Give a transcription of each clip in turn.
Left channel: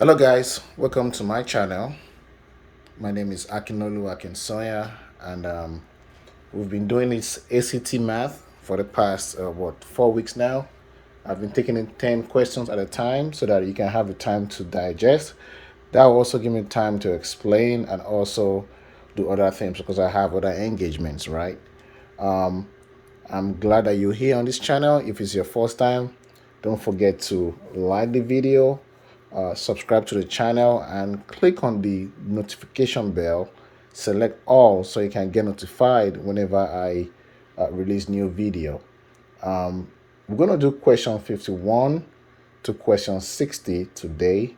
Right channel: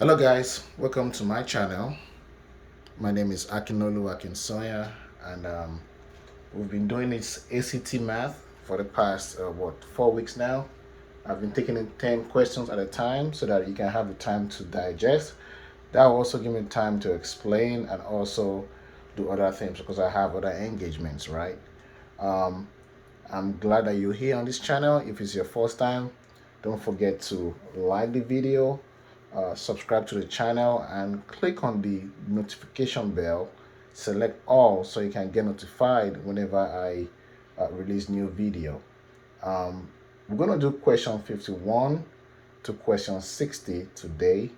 Hello guys, welcome to my channel. My name is Akinolu Akinsoya, and we've been doing this ACT math for the past 4 weeks now. I've been taking in 10 questions at a time so that you can have the time to digest. That will also give me time to explain and also do other things because I have other engagements, right? Um, I'm glad that you're here on this channel. If it's your first time, don't forget to like the video, subscribe to the channel, and click on the notification bell. Select all so you can get notified whenever I release new video. We're going to do question 51 to question 60 today,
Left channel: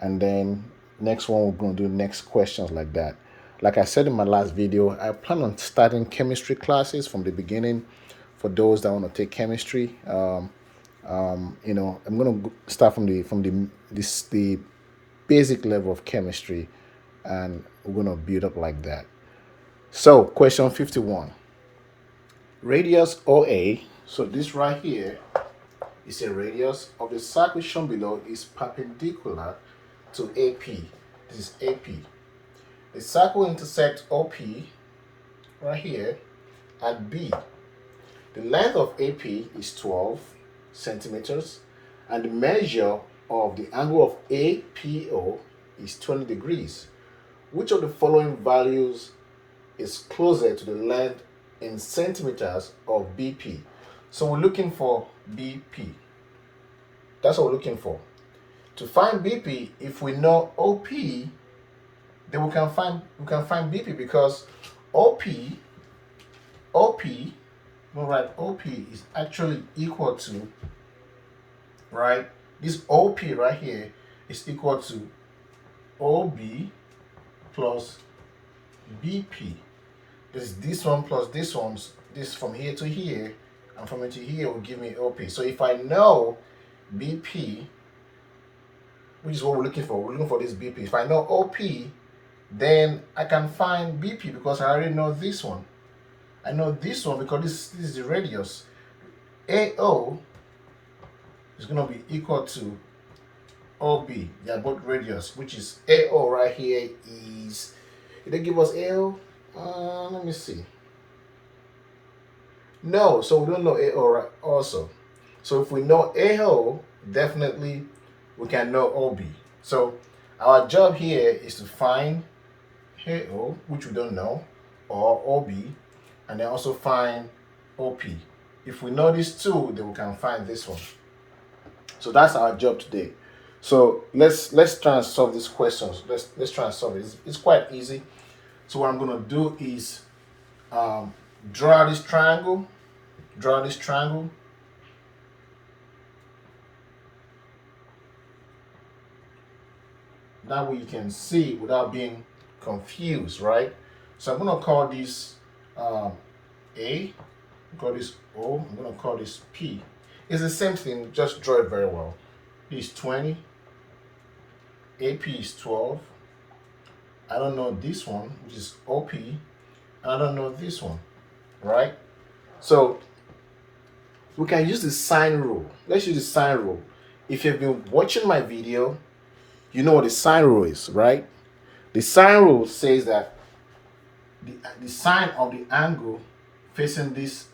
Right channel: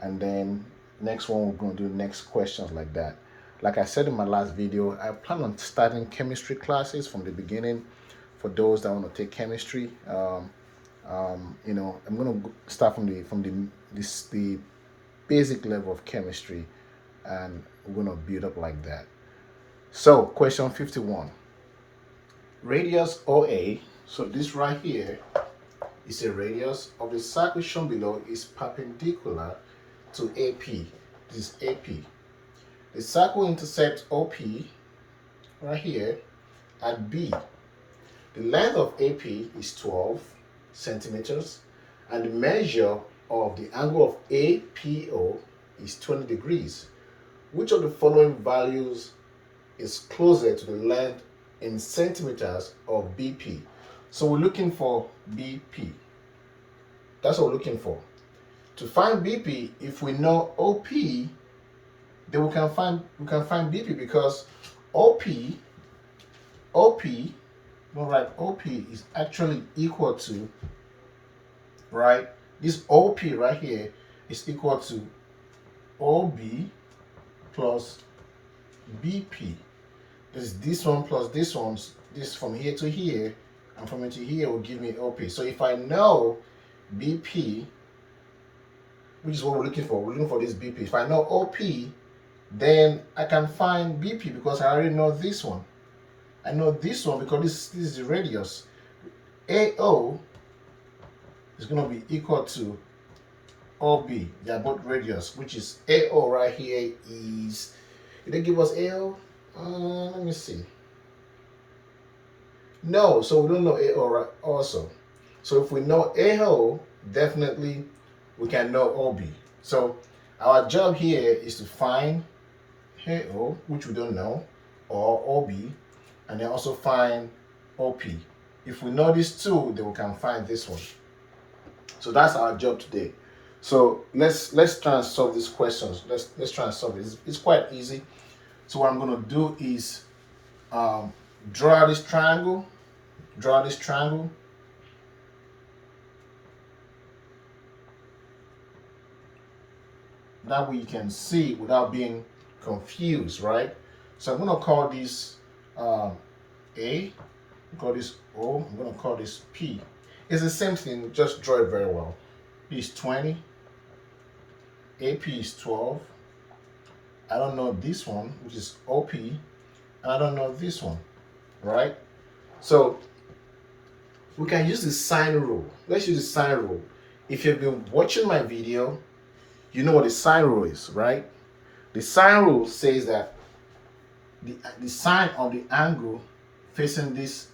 and then next one we're going to do next questions like that. Like I said in my last video, I plan on starting chemistry classes from the beginning for those that want to take chemistry. I'm going to start from the basic level of chemistry, and we're going to build up like that. So question 51, radius OA. So this right here is a radius of the circle shown below is perpendicular to AP. This is AP. The circle intersects OP right here at B. The length of AP is 12 centimeters, and the measure of the angle of APO is 20 degrees. Which of the following values is closer to the length in centimeters of BP? So we're looking for BP. That's what we're looking for. To find BP, if we know OP, then we can find BP because OP, OP is actually equal to, right? This OP right here is equal to OB plus BP. This one plus this one's, this from here to here, and from here to here will give me OP. So if I know BP, which is what we're looking for this BP. If I know OP, then I can find BP because I already know this one. I know this one because this is the radius. AO is going to be equal to OB. They are both radius, which is AO right here is, did they give us AO? Let me see. No, so we don't know AO right also. So if we know AO, definitely we can know OB. So our job here is to find AO, which we don't know, or OB, and then also find OP. If we know these two, then we can find this one. So that's our job today. So let's try and solve these questions. Let's try and solve it. It's quite easy. So what I'm going to do is draw this triangle. Draw this triangle. That way you can see without being confused, right? So I'm going to call this A, call this O, I'm going to call this P. It's the same thing, just draw it very well. P is 20, AP is 12. I don't know this one, which is OP, and I don't know this one, right? So we can use the sine rule. Let's use the sine rule. If you've been watching my video, you know what the sine rule is, right? The sine rule says that the sine of the angle facing this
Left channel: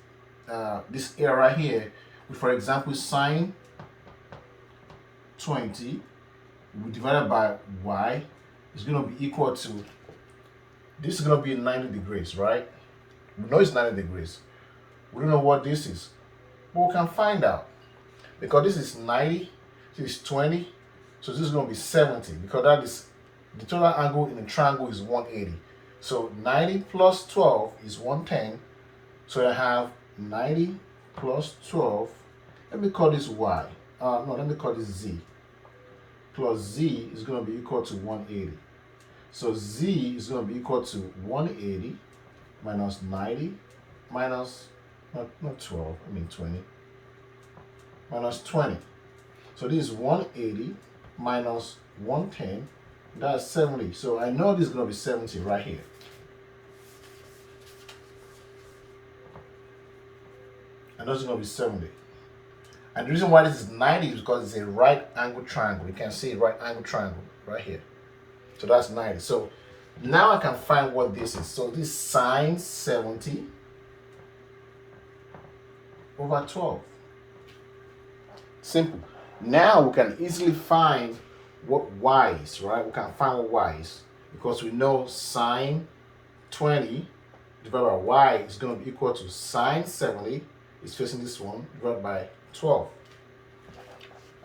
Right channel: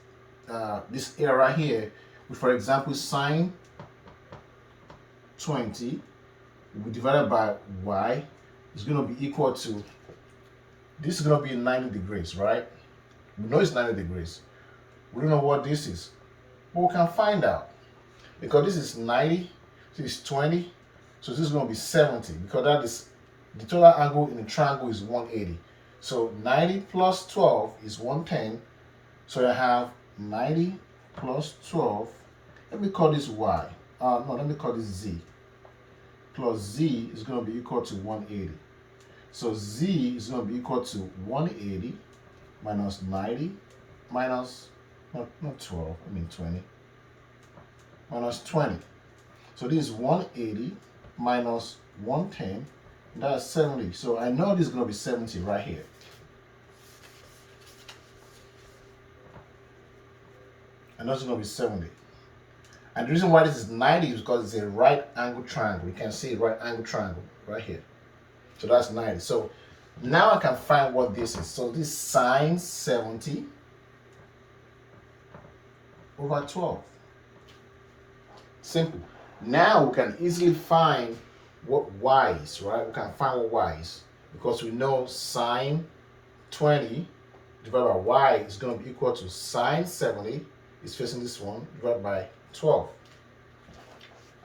this area right here, for example, sine 20 will be divided by y is going to be equal to, this is going to be 90 degrees, right? We know it's 90 degrees. We don't know what this is, but we can find out because this is 90, this is 20, so this is going to be 70 because that is the total angle in the triangle is 180. So 90 plus 12 is 110. So I have 90 plus 12. Let me call this y. No, let me call this z. Plus z is going to be equal to 180. So z is going to be equal to 180 minus 90 minus, not 12, I mean 20, minus 20. So this is 180 minus 110, that's 70. So I know this is going to be 70 right here. I know it's going to be 70. And the reason why this is 90 is because it's a right angle triangle. You can see a right angle triangle right here. So that's 90. So now I can find what this is. So this is sine 70 over 12. Simple. Now we can easily find what y is, right? We can find what y is because we know sine 20 divided by y is going to be equal to sine 70 is facing this one divided by 12.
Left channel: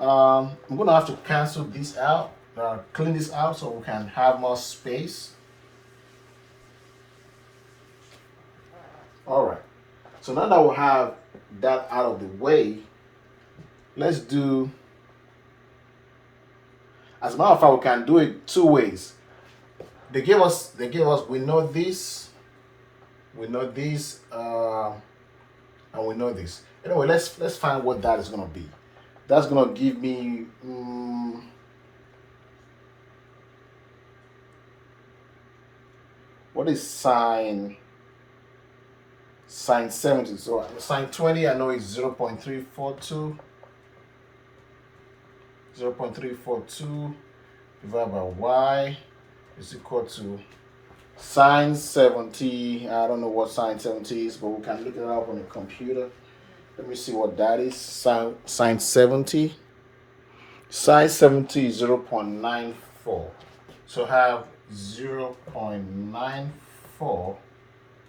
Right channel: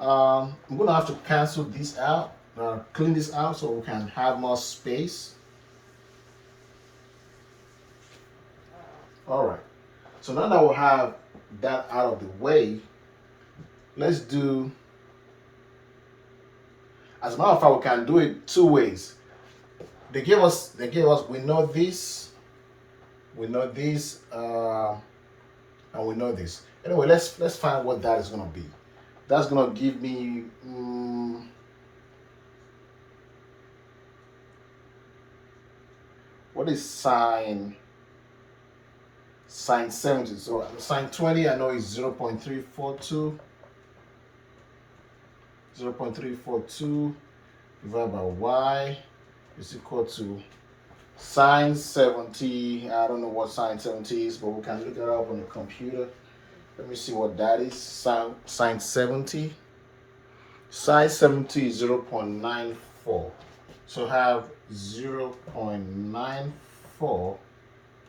I'm going to have to cancel this out, clean this out so we can have more space. All right. So now that we have that out of the way, let's do, as a matter of fact, we can do it two ways. We know this, and we know this. Anyway, let's find what that is going to be. That's going to give me, what is sine 70? So sine 20, I know is 0.342. 0.342 divided by y is equal to sine 70. I don't know what sine 70 is, but we can look it up on the computer. Let me see what that is. Sine 70. Sine 70 is 0.94. So I have 0.94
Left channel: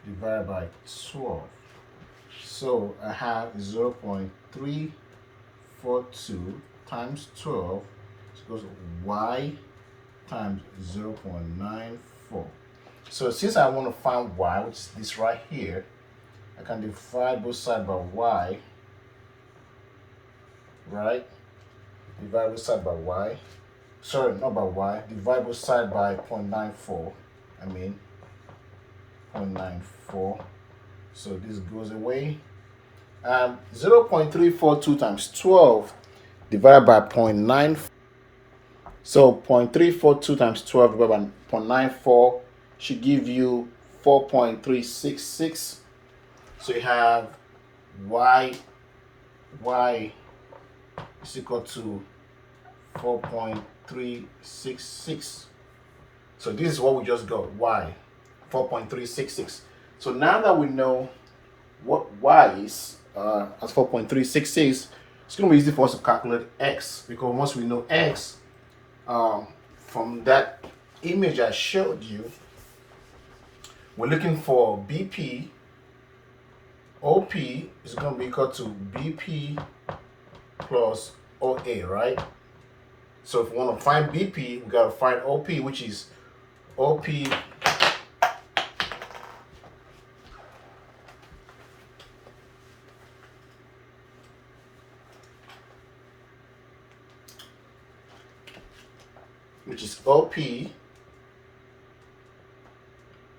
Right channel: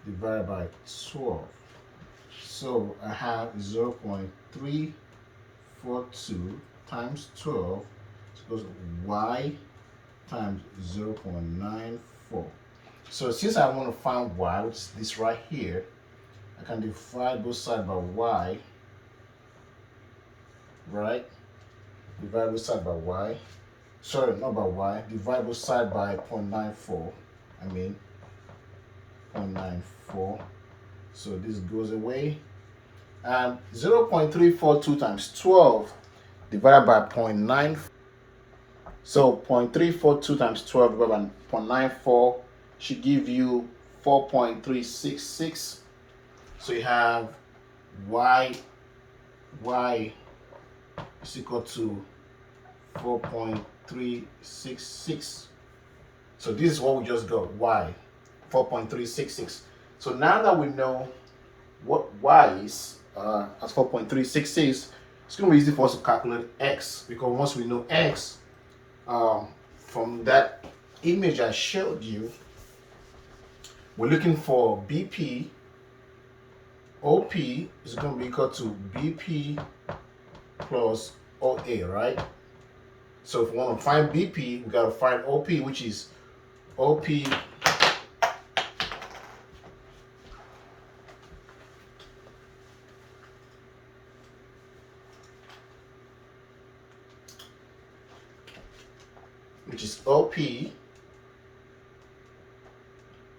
divided by 12. So I have 0.342 times 12 equals y times 0.94. So since I want to find y, which is this right here, I can divide both sides by y, right? Divide both sides by y. Sorry, not by y. Divide both sides by 0.94. 0.94. So this goes away. 0.342 times 12 divided by 0.9. So 0.342 times 12 divided by 0.94 should give you 4.366. So you have y is equal to 4.366. So this is what we just got, y, 4.366. So now that we know what y is, as 4.366, it's going to be easy for us to calculate x, because once we know x, from that image I showed you, we're looking for BP. OP is going to be equal to BP plus OA, right? So if we want to find BP, we got to find OP, which is OP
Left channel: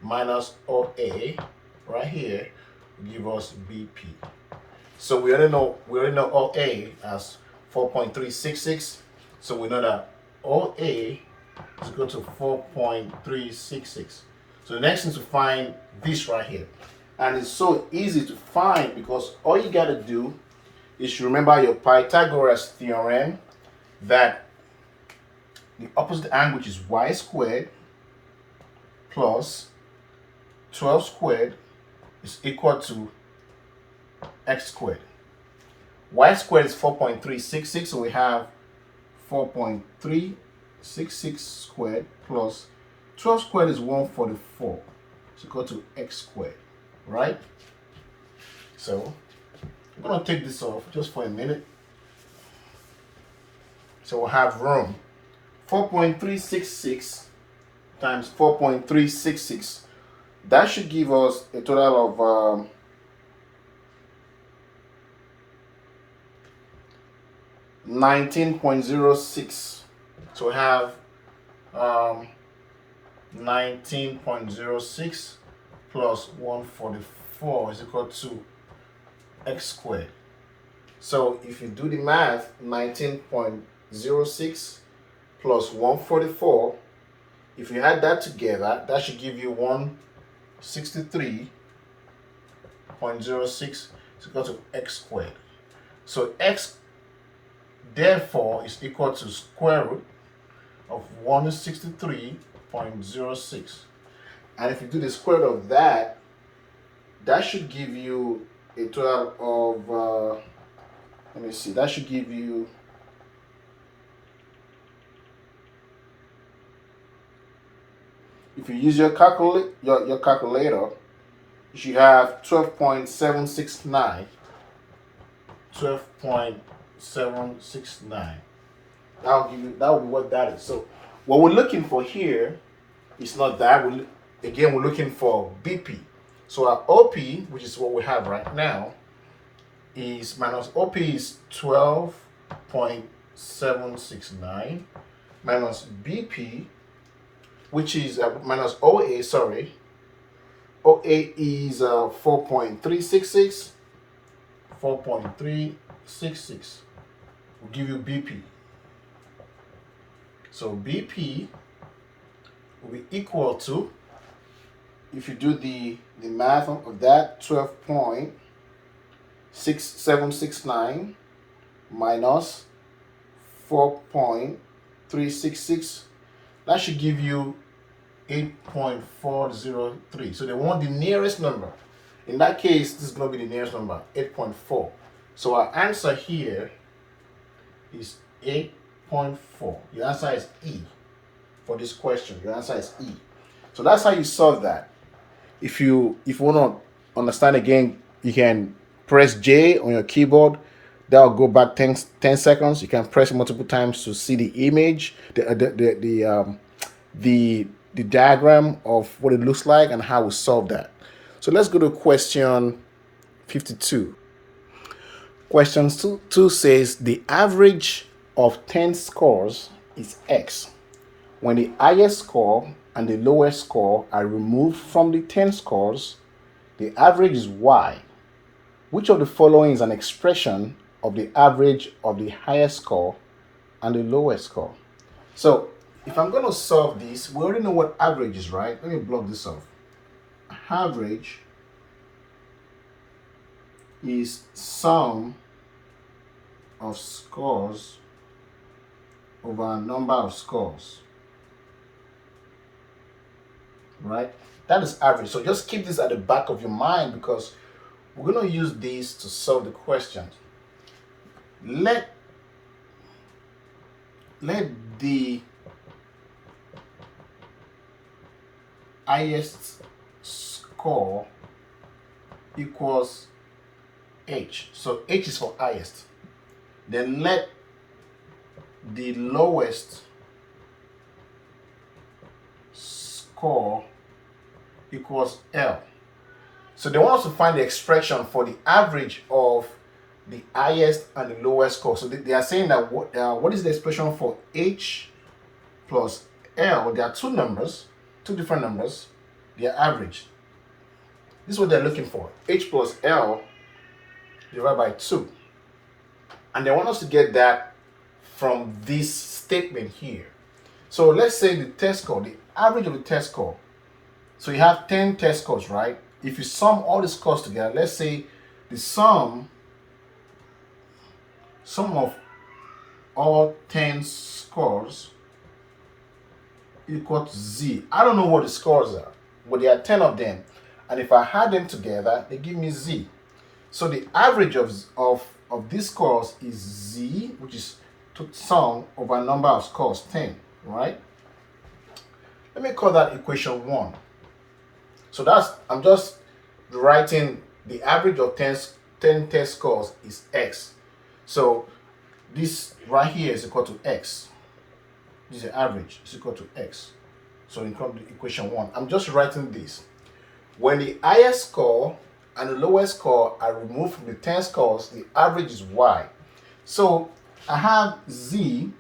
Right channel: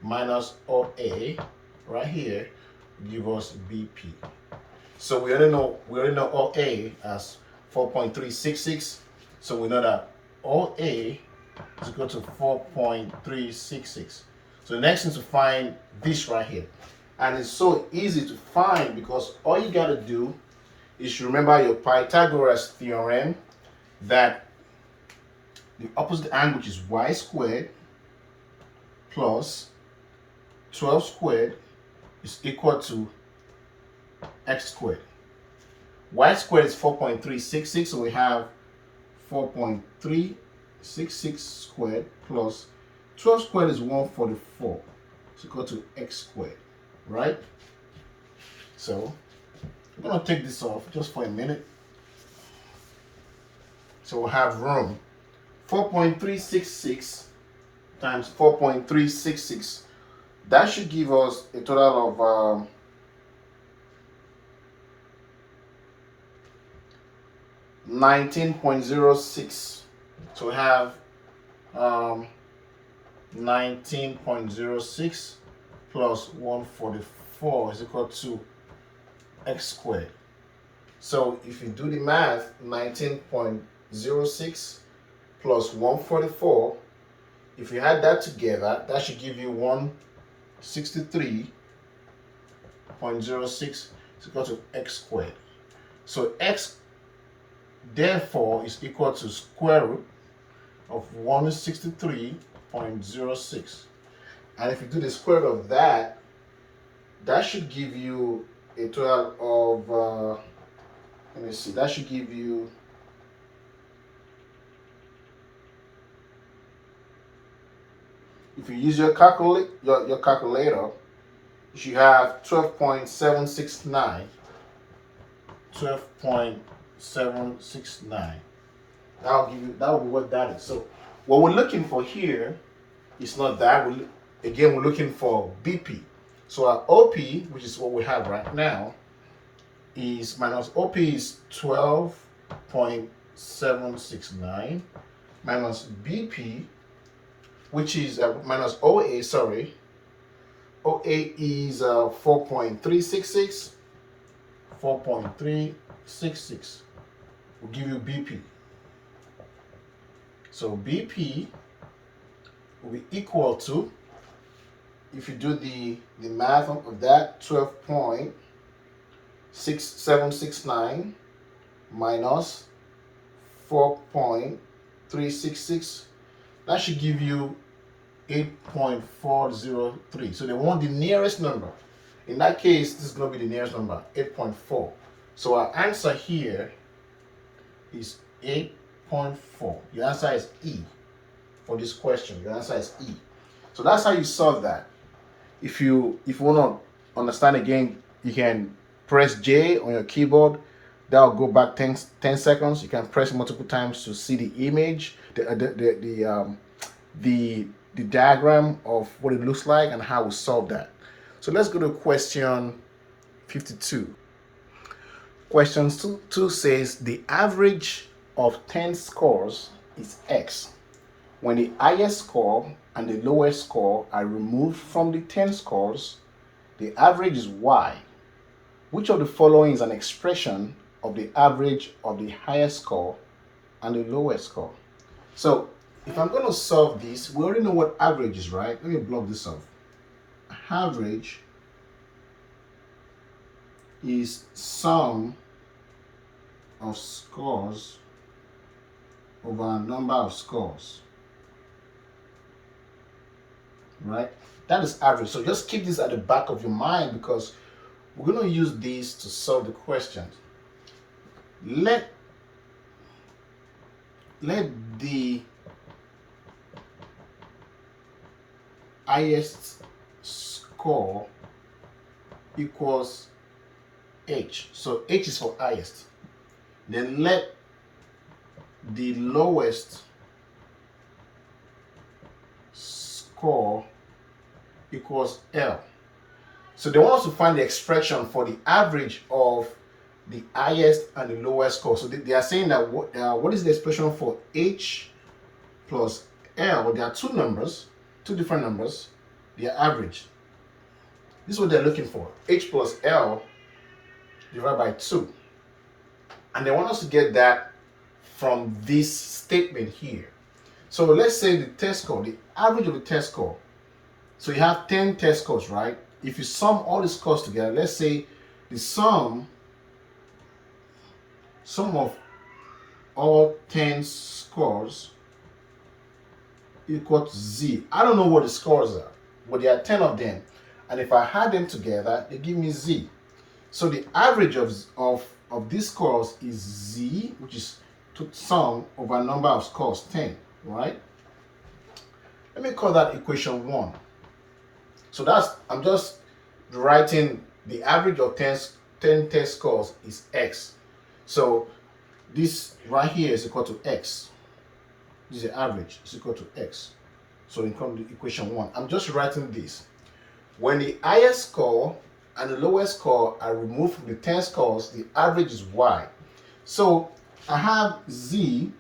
minus OA right here give us BP. So we already know OA as 4.366. So we know that OA is equal to 4.366. So the next thing is to find this right here. And it's so easy to find because all you got to do is to remember your Pythagoras theorem that the opposite angle, which is y squared plus 12 squared, is equal to x squared. Y squared is 4.366, so we have 4.366 squared plus 12 squared is 144. It's equal to x squared, right? So I'm going to take this off just for a minute. So we'll have room. 4.366 times 4.366. That should give us a total of 19.06. So we have 19.06 plus 144 is equal to x squared. So if you do the math, 19.06 plus 144, if you add that together, that should give you 163.06 is equal to x squared. So x therefore is equal to square root of 163.06. And if you do the square root of that, that should give you a total of, let me see, that should give you, if you use your calculator, you should have 12.769. 12.769. That'll give you, that will be what that is. So what we're looking for here is not that. We're looking for BP. So our OP, which is what we have right now, is minus OP is 12.769 minus BP, which is minus OA, sorry. OA is 4.366. 4.366 will give you BP. So BP will be equal to, if you do the math of that, 12.6769 minus 4.366, that should give you 8.403. So they want the nearest number. In that case, this is going to be the nearest number, 8.4. So our answer here is 8.4. Your answer is E for this question. Your answer is E. So that's how you solve that. If you want to understand again, you can press J on your keyboard. That will go back 10 seconds. You can press multiple times to see the image, the diagram of what it looks like and how we solve that. So let's go to question 52. Question 2 says the average of 10 scores is X. When the highest score and the lowest score are removed from the 10 scores, the average is Y. Which of the following is an expression of the average of the highest score and the lowest score? So if I'm going to solve this, we already know what average is, right? Let me block this off. Average is sum of scores over a number of scores, right? That is average. So just keep this at the back of your mind because we're going to use these to solve the questions. Let the highest score equals H. So H is for highest. Then let the lowest score equals L. So they want us to find the expression for the average of the highest and the lowest score. So they are saying that what is the expression for H plus L? There are two different numbers, their average. This is what they're looking for. H plus L divided by 2. And they want us to get that from this statement here. So let's say the test score, the average of the test score. So you have 10 test scores, right? If you sum all the scores together, let's say the sum of all 10 scores equal to Z. I don't know what the scores are, but there are 10 of them. And if I add them together, they give me Z. So the average of these scores is Z, which is to sum over a number of scores, 10, right? Let me call that equation 1. So I'm just writing the average of 10 test scores is X. So this right here is equal to X. This is the average, is equal to X. So in equation 1, I'm just writing this. When the highest score and the lowest score are removed from the 10 scores, the average is Y. So I have Z,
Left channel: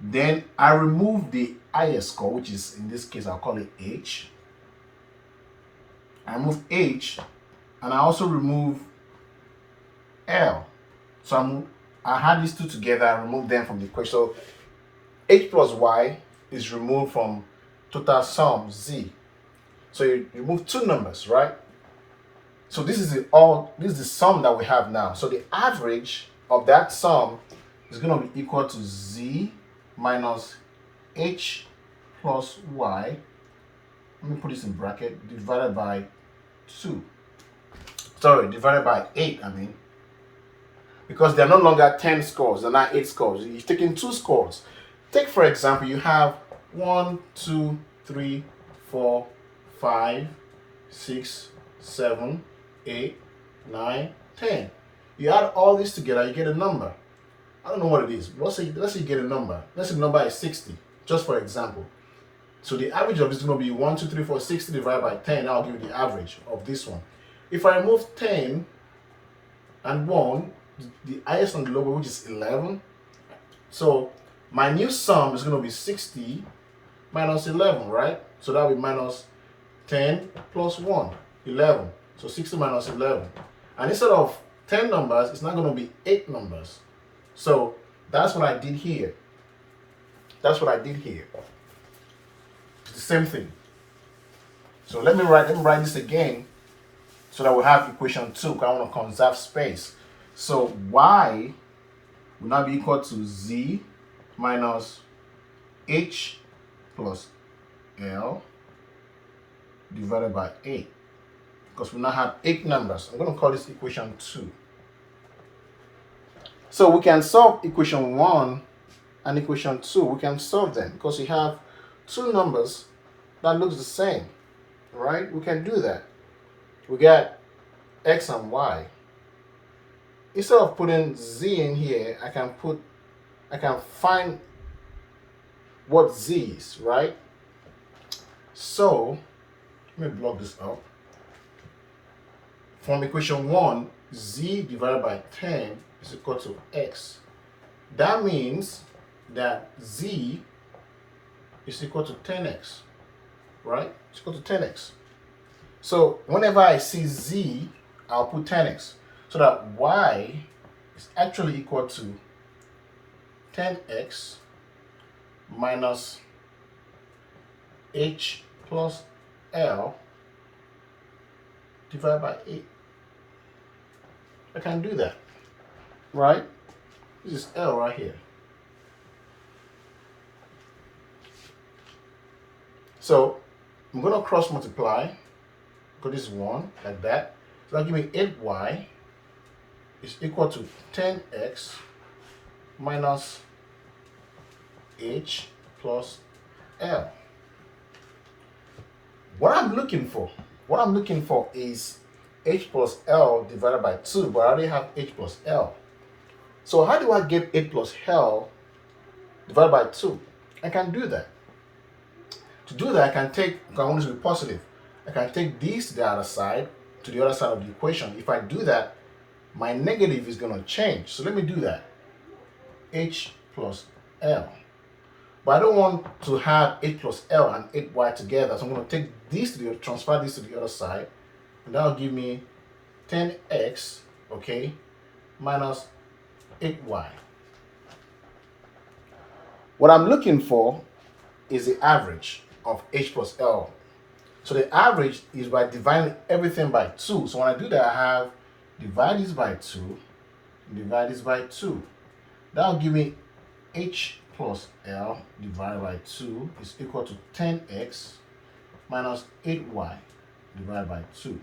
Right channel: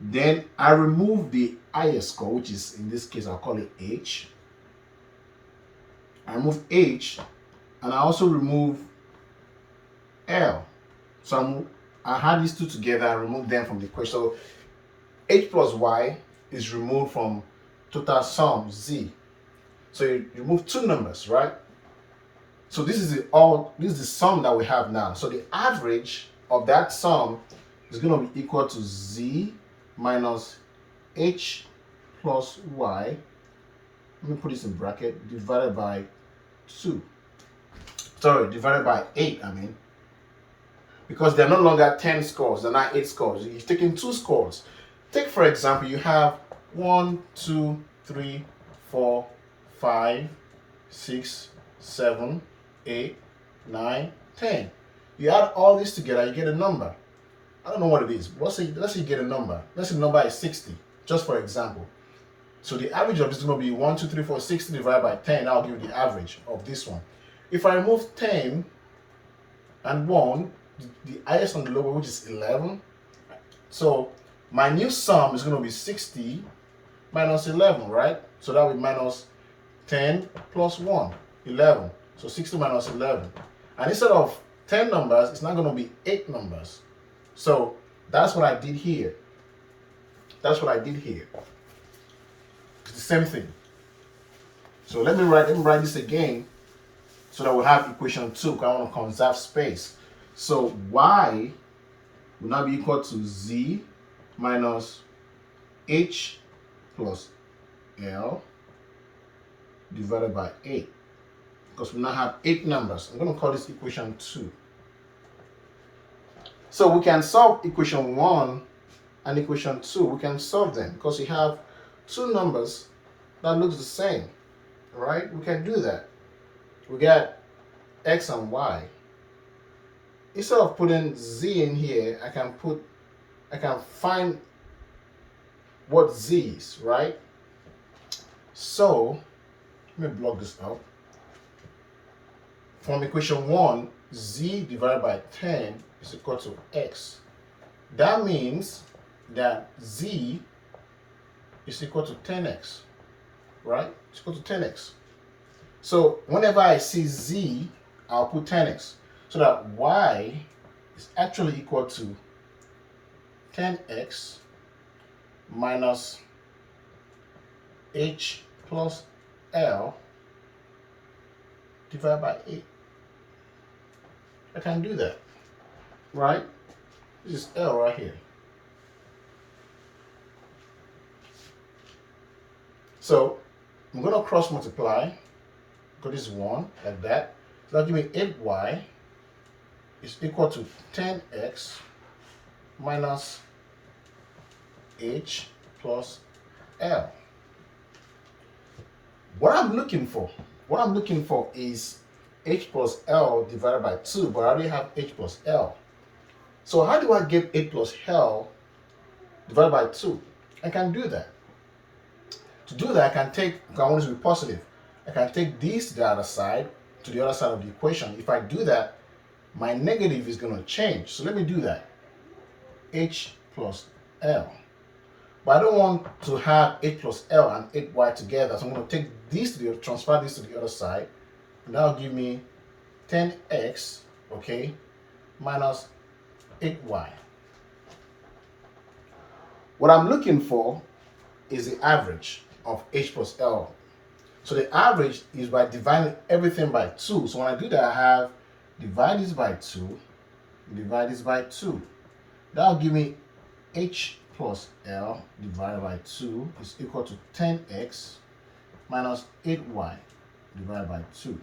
then I remove the highest score, which is, in this case, I'll call it H. I remove H, and I also remove L. So I had these two together, I remove them from the equation. So H plus Y is removed from total sum Z. So you remove two numbers, right? So this is the sum that we have now. So the average of that sum is going to be equal to z minus h plus y. Let me put this in bracket, divided by 2. Sorry, divided by 8, I mean. Because they're no longer 10 scores, they're not 8 scores. You're taking 2 scores. Take, for example, you have 1, 2, 3, 4, 5, 6, 7, 8, 9, 10. You add all this together, you get a number. I don't know what it is, but let's say you get a number. Let's say the number is 60, just for example. So the average of this is going to be 1, 2, 3, 4, 60 divided by 10. I'll give you the average of this one. If I remove 10 and 1, the highest on the lower, which is 11. So my new sum is going to be 60 minus 11, right? So that will be minus 10 plus 1, 11. So 60 minus 11. And instead of 10 numbers, it's not going to be 8 numbers. So that's what I did here. That's what I did here. It's the same thing. So let me write this again so that we'll have equation 2, because I want to conserve space. So y will now be equal to z minus h plus l divided by 8. Because we now have 8 numbers. I'm going to call this equation 2. So we can solve equation 1 and equation 2. We can solve them because we have 2 numbers that looks the same, right? We can do that. We got x and y. Instead of putting z in here, I can find what z is, right? So let me block this out. From equation 1, z divided by 10 is equal to x. That means that z is equal to 10x, right? It's equal to 10x. So whenever I see z, I'll put 10x. So that y is actually equal to 10x minus h plus l divided by 8. I can do that, right? This is L right here. So I'm going to cross multiply, because this is 1, like that. So that'll give me 8y is equal to 10x minus h plus l. What I'm looking for is h plus l divided by 2, but I already have h plus l. So how do I get h plus l divided by 2? I can do that. To do that, I want it to be positive. I can take these to the other side, to the other side of the equation. If I do that, my negative is going to change. So let me do that. H plus L. But I don't want to have h plus L and 8y together. So I'm going to take these transfer this to the other side. And that'll give me 10x, okay, minus 8y. What I'm looking for is the average of h plus L. So the average is by dividing everything by 2. So when I do that, I have divide this by 2, divide this by 2. That'll give me h plus L divided by 2 is equal to 10x minus 8y divided by 2.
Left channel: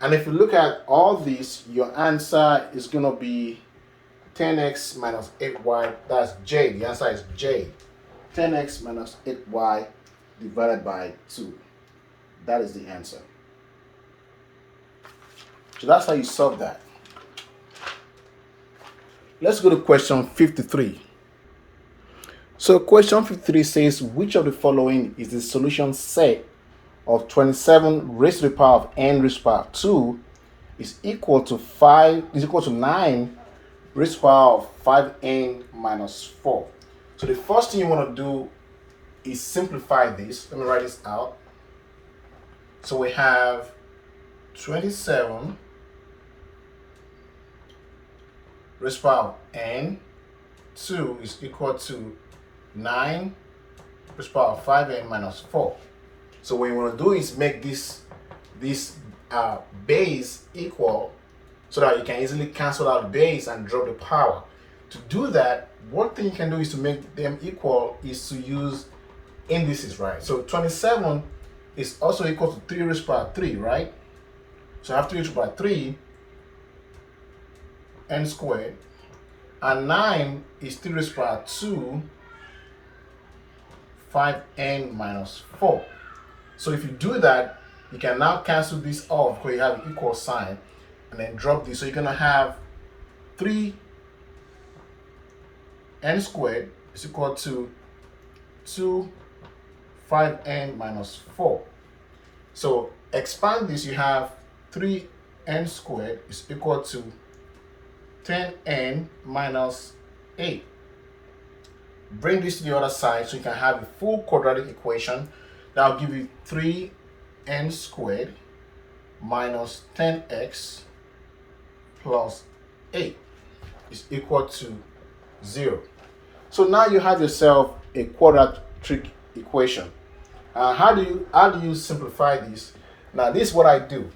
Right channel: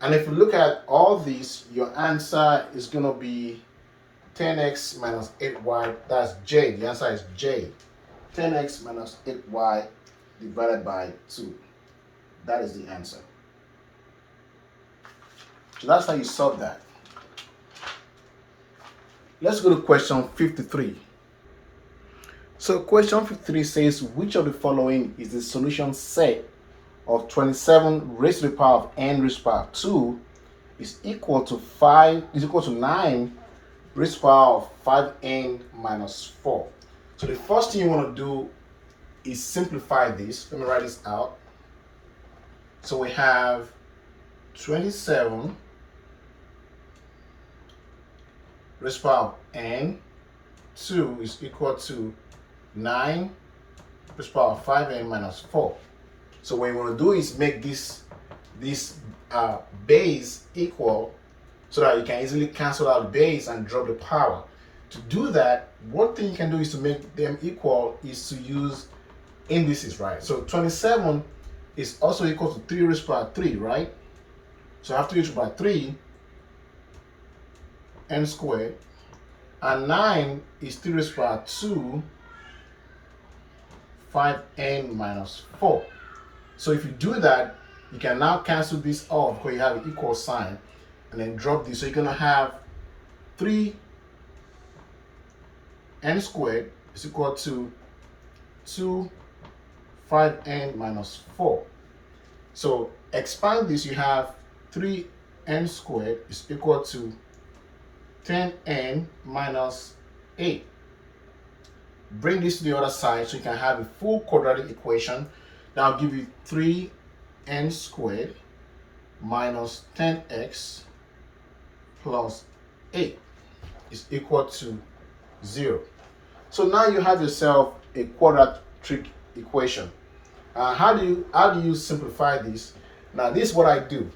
And if you look at all these, your answer is going to be 10x minus 8y. That's J. The answer is J. 10x minus 8y divided by 2. That is the answer. So that's how you solve that. Let's go to question 53. So question 53 says, which of the following is the solution set of 27 raised to the power of n raised to the power of 2 is equal to 9 raised to the power of 5n minus 4. So the first thing you want to do is simplify this. Let me write this out. So we have 27 raised to the power of n, 2 is equal to 9 raised to the power of 5n minus 4. So what you want to do is make this base equal so that you can easily cancel out the base and drop the power. To do that, one thing you can do is to make them equal is to use indices, right? So 27 is also equal to 3 raised to the power 3, right? So I have 3 raised to the power 3 n squared, and 9 is 3 raised to the power 2 5n minus 4. So if you do that, you can now cancel this off because you have an equal sign, and then drop this. So you're going to have 3n squared is equal to 2 5n minus 4. So expand this, you have 3n squared is equal to 10n minus 8. Bring this to the other side so you can have a full quadratic equation. That will give you 3n squared minus 10x plus 8 is equal to 0. So now you have yourself a quadratic equation. How do you simplify this? Now this is what I do.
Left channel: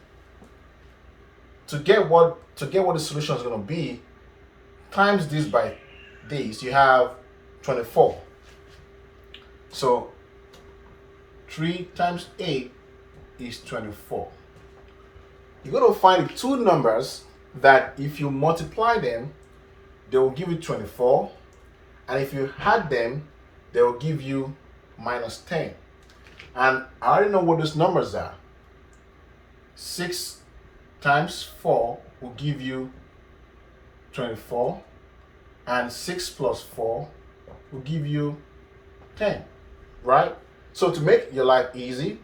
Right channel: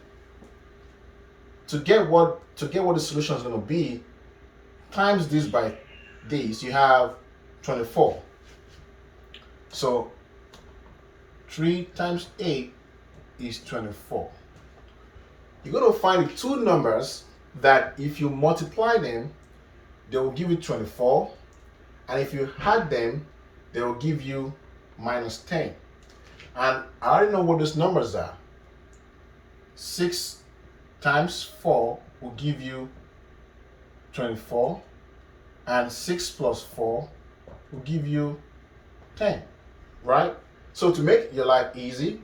To get what the solution is going to be, times this by this, you have 24. So 3 times 8 is 24. You're going to find the two numbers that if you multiply them, they will give you 24. And if you add them, they will give you minus 10. And I already know what those numbers are. 6 times 4 will give you 24. And 6 plus 4 will give you 10, right? So to make your life easy,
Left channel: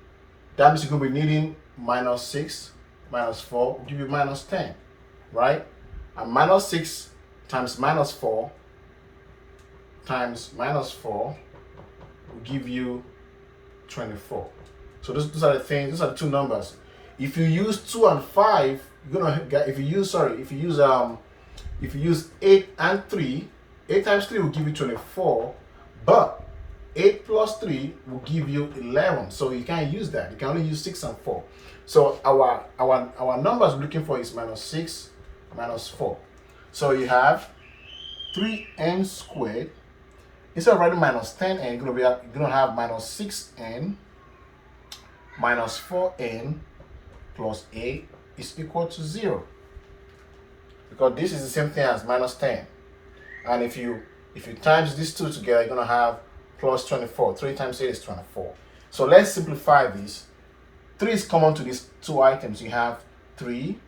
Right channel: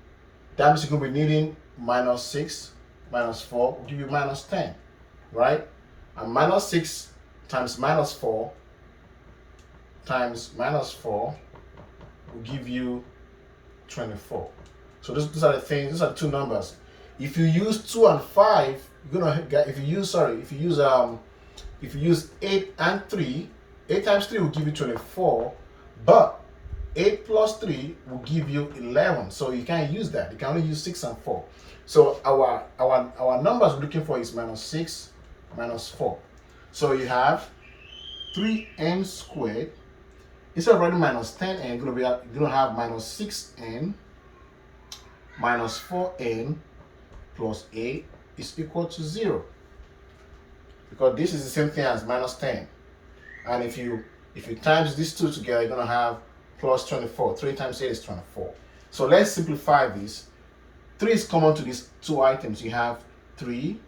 that means you're going to be needing minus 6 minus 4 will give you minus 10, right? And minus 6 times minus 4 times minus 4 will give you 24. So those are the things, those are the two numbers. If you use 2 and 5, you're gonna get, if you use 8 and 3, 8 times 3 will give you 24, but 8 plus 3 will give you 11. So you can't use that. You can only use 6 and 4. So our numbers we're looking for is minus 6 minus 4. So you have 3n squared. Instead of writing minus 10n, you're gonna have minus 6n minus 4n plus 8 is equal to 0. Because this is the same thing as minus 10. And if you times these two together, you're gonna have plus 24. 3 times 8 is 24. So let's simplify this. 3 is common to these two items. You have 3n,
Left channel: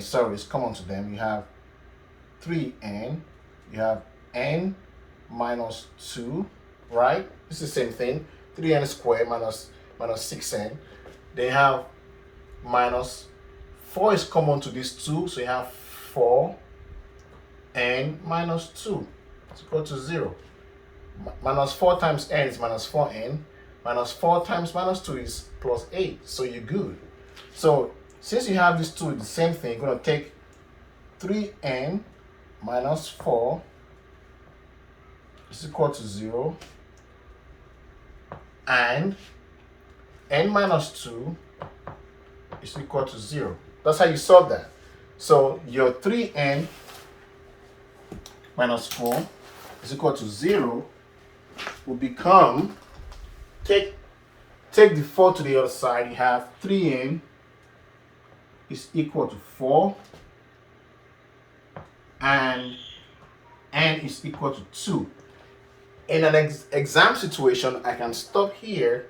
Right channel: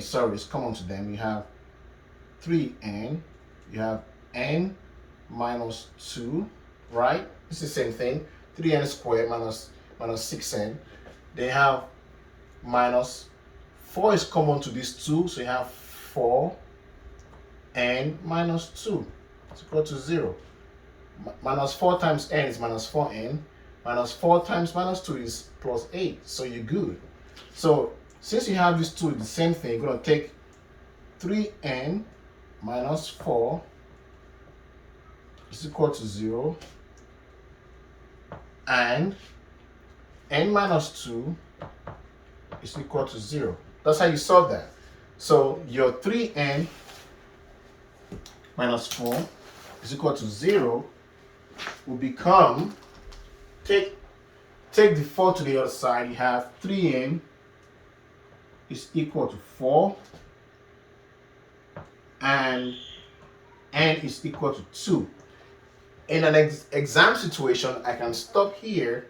sorry, is common to them. You have 3n, you have n minus 2, right? It's the same thing. 3n squared minus 6n. They have minus 4 is common to these two, so you have 4n minus 2 is equal to 0. Minus 4 times n is minus 4n. Minus 4 times minus 2 is plus 8, so you're good. So since you have these two, the same thing, you're going to take 3n minus 4 is equal to 0, and n minus 2 is equal to 0. That's how you solve that. So your 3n minus 4 is equal to 0 will become, take the 4 to the other side, you have 3n is equal to 4 and n is equal to 2. In an exam situation, I can stop here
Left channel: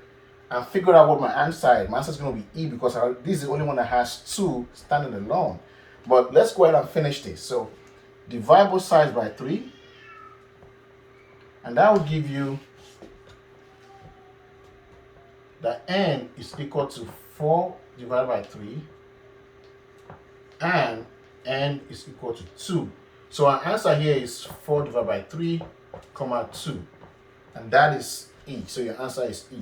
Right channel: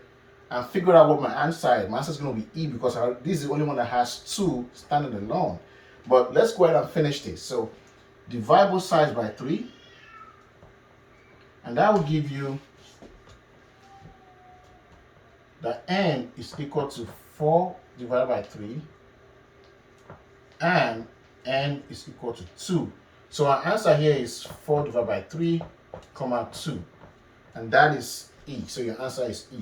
and figure out what my answer is. My answer is going to be E because this is the only one that has 2 standing alone. But let's go ahead and finish this. So divide both sides by 3, and that will give you that n is equal to 4 divided by 3, and n is equal to 2. So our answer here is 4 divided by 3, 2, and that is E. So your answer is E.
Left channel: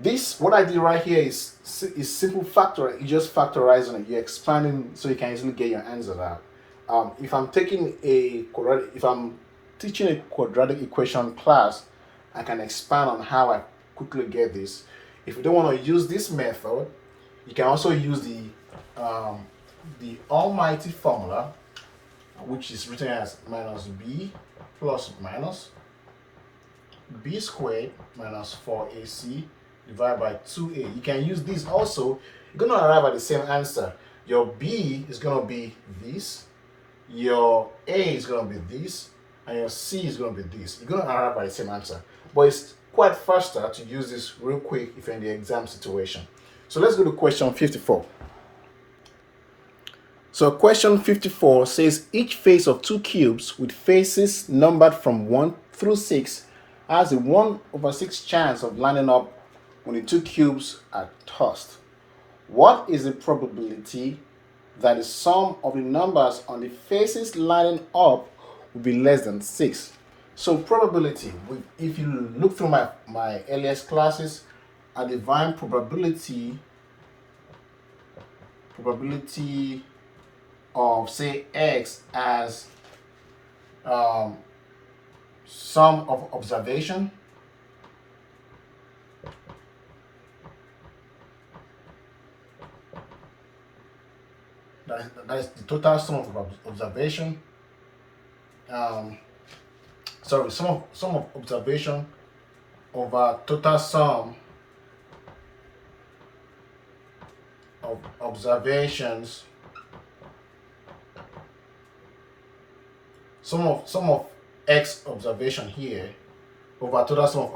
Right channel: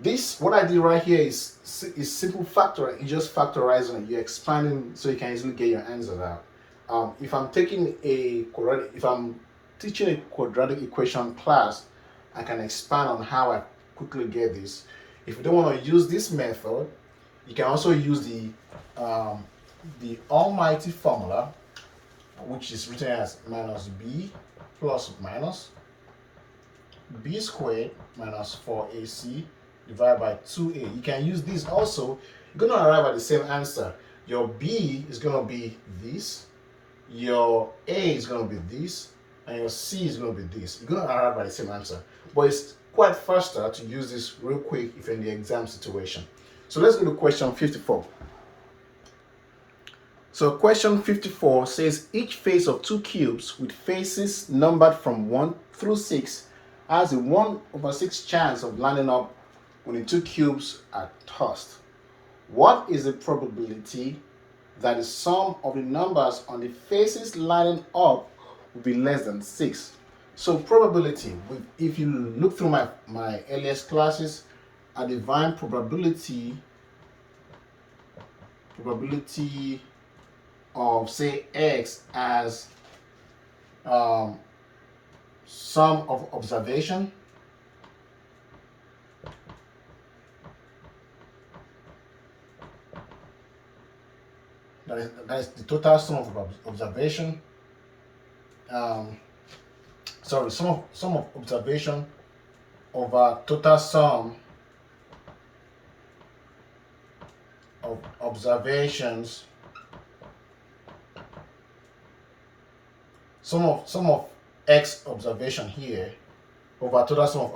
This, what I did right here is simple factor. You just factorizing it. You're expanding so you can easily get your answer out. If I'm teaching a quadratic equation class, I can expand on how I quickly get this. If you don't want to use this method, You can also use the almighty formula, which is written as minus b plus minus b squared minus 4ac divided by 2a. You can use this also. You're going to arrive at the same answer. Your b is going to be this, your a is going to be this, and your c is going to be this. You're going to arrive at the same answer. But it's quite faster to use this real quick if you're in the exam situation. So let's go to question 54. So question 54 says each face of two cubes with faces numbered from 1 through 6 has a 1/6 chance of lining up when the two cubes are tossed. What is the probability that the sum of the numbers on the faces lining up will be less than 6? So probability, if you look through my earliest classes, I define probability of, say, x as sum of observation that is the total sum of observation. Sum of observation over total sum of observations. Sum of x observation here over total sum of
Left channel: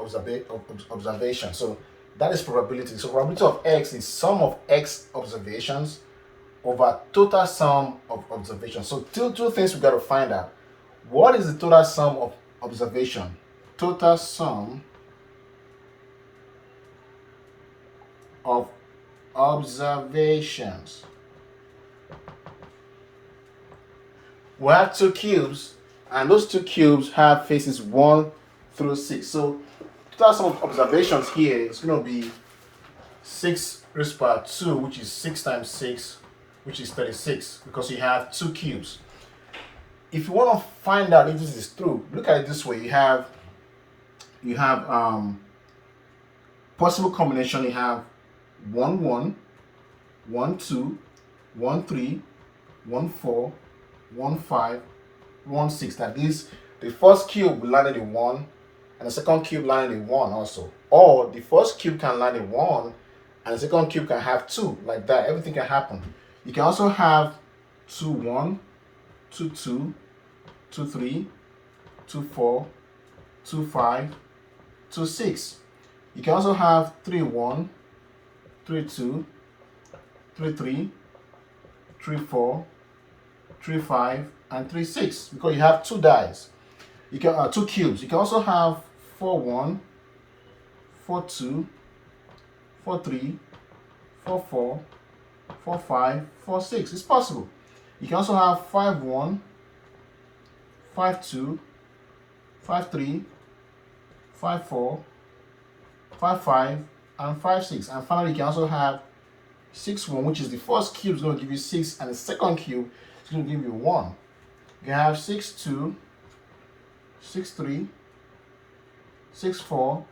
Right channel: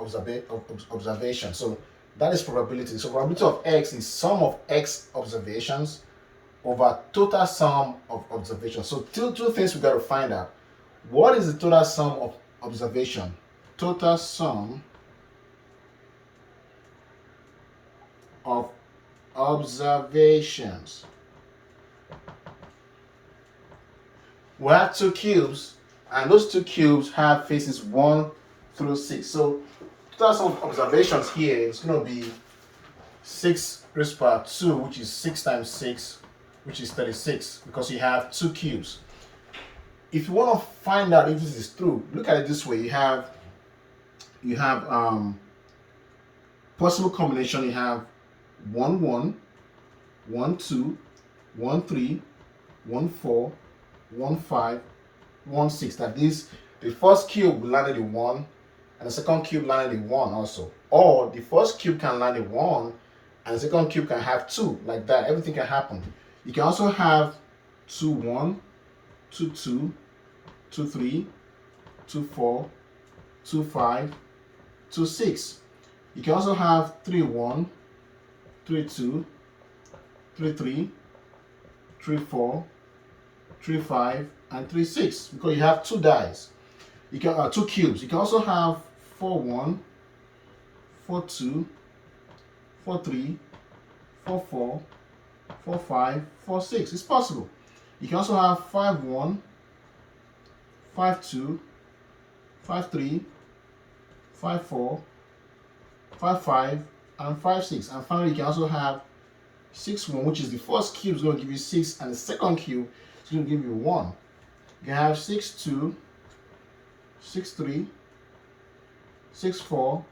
observation. So that is probability. So probability of x is sum of x observations over total sum of observations. So two things we got to find out. What is the total sum of observation? Total sum of observations. We have two cubes, and those two cubes have faces 1 through 6. So total sum of observations here is going to be 6 raised to power 2, which is 6 times 6, which is 36, because you have two cubes. If you want to find out if this is true, look at it this way. You have possible combination. You have 1 1, 1 2, 1 3, 1 4, 1 5, 1 6. That is, the first cube will land in 1, and the second cube landed in 1 also. Or the first cube can land in 1, and the second cube can have 2, like that. Everything can happen. You can also have 2 1, 2 2, 2 3, 2 4, 2 5, 2 6. You can also have 3 1, 3 2, 3 3, 3 4, 3 5, and 3 6, because you have two dies. You can two cubes. You can also have 4 1, 4 2, 4 3, 4 4, 4 5, 4 6. It's possible. You can also have 5 1, 5 2, 5 3, 5 4, 5 5, and 5 6. And finally, you can also have 6 1, which is the first cube is going to give you 6, and the second cube is going to give you 1. You can have 6 2, 6 3, 6 4,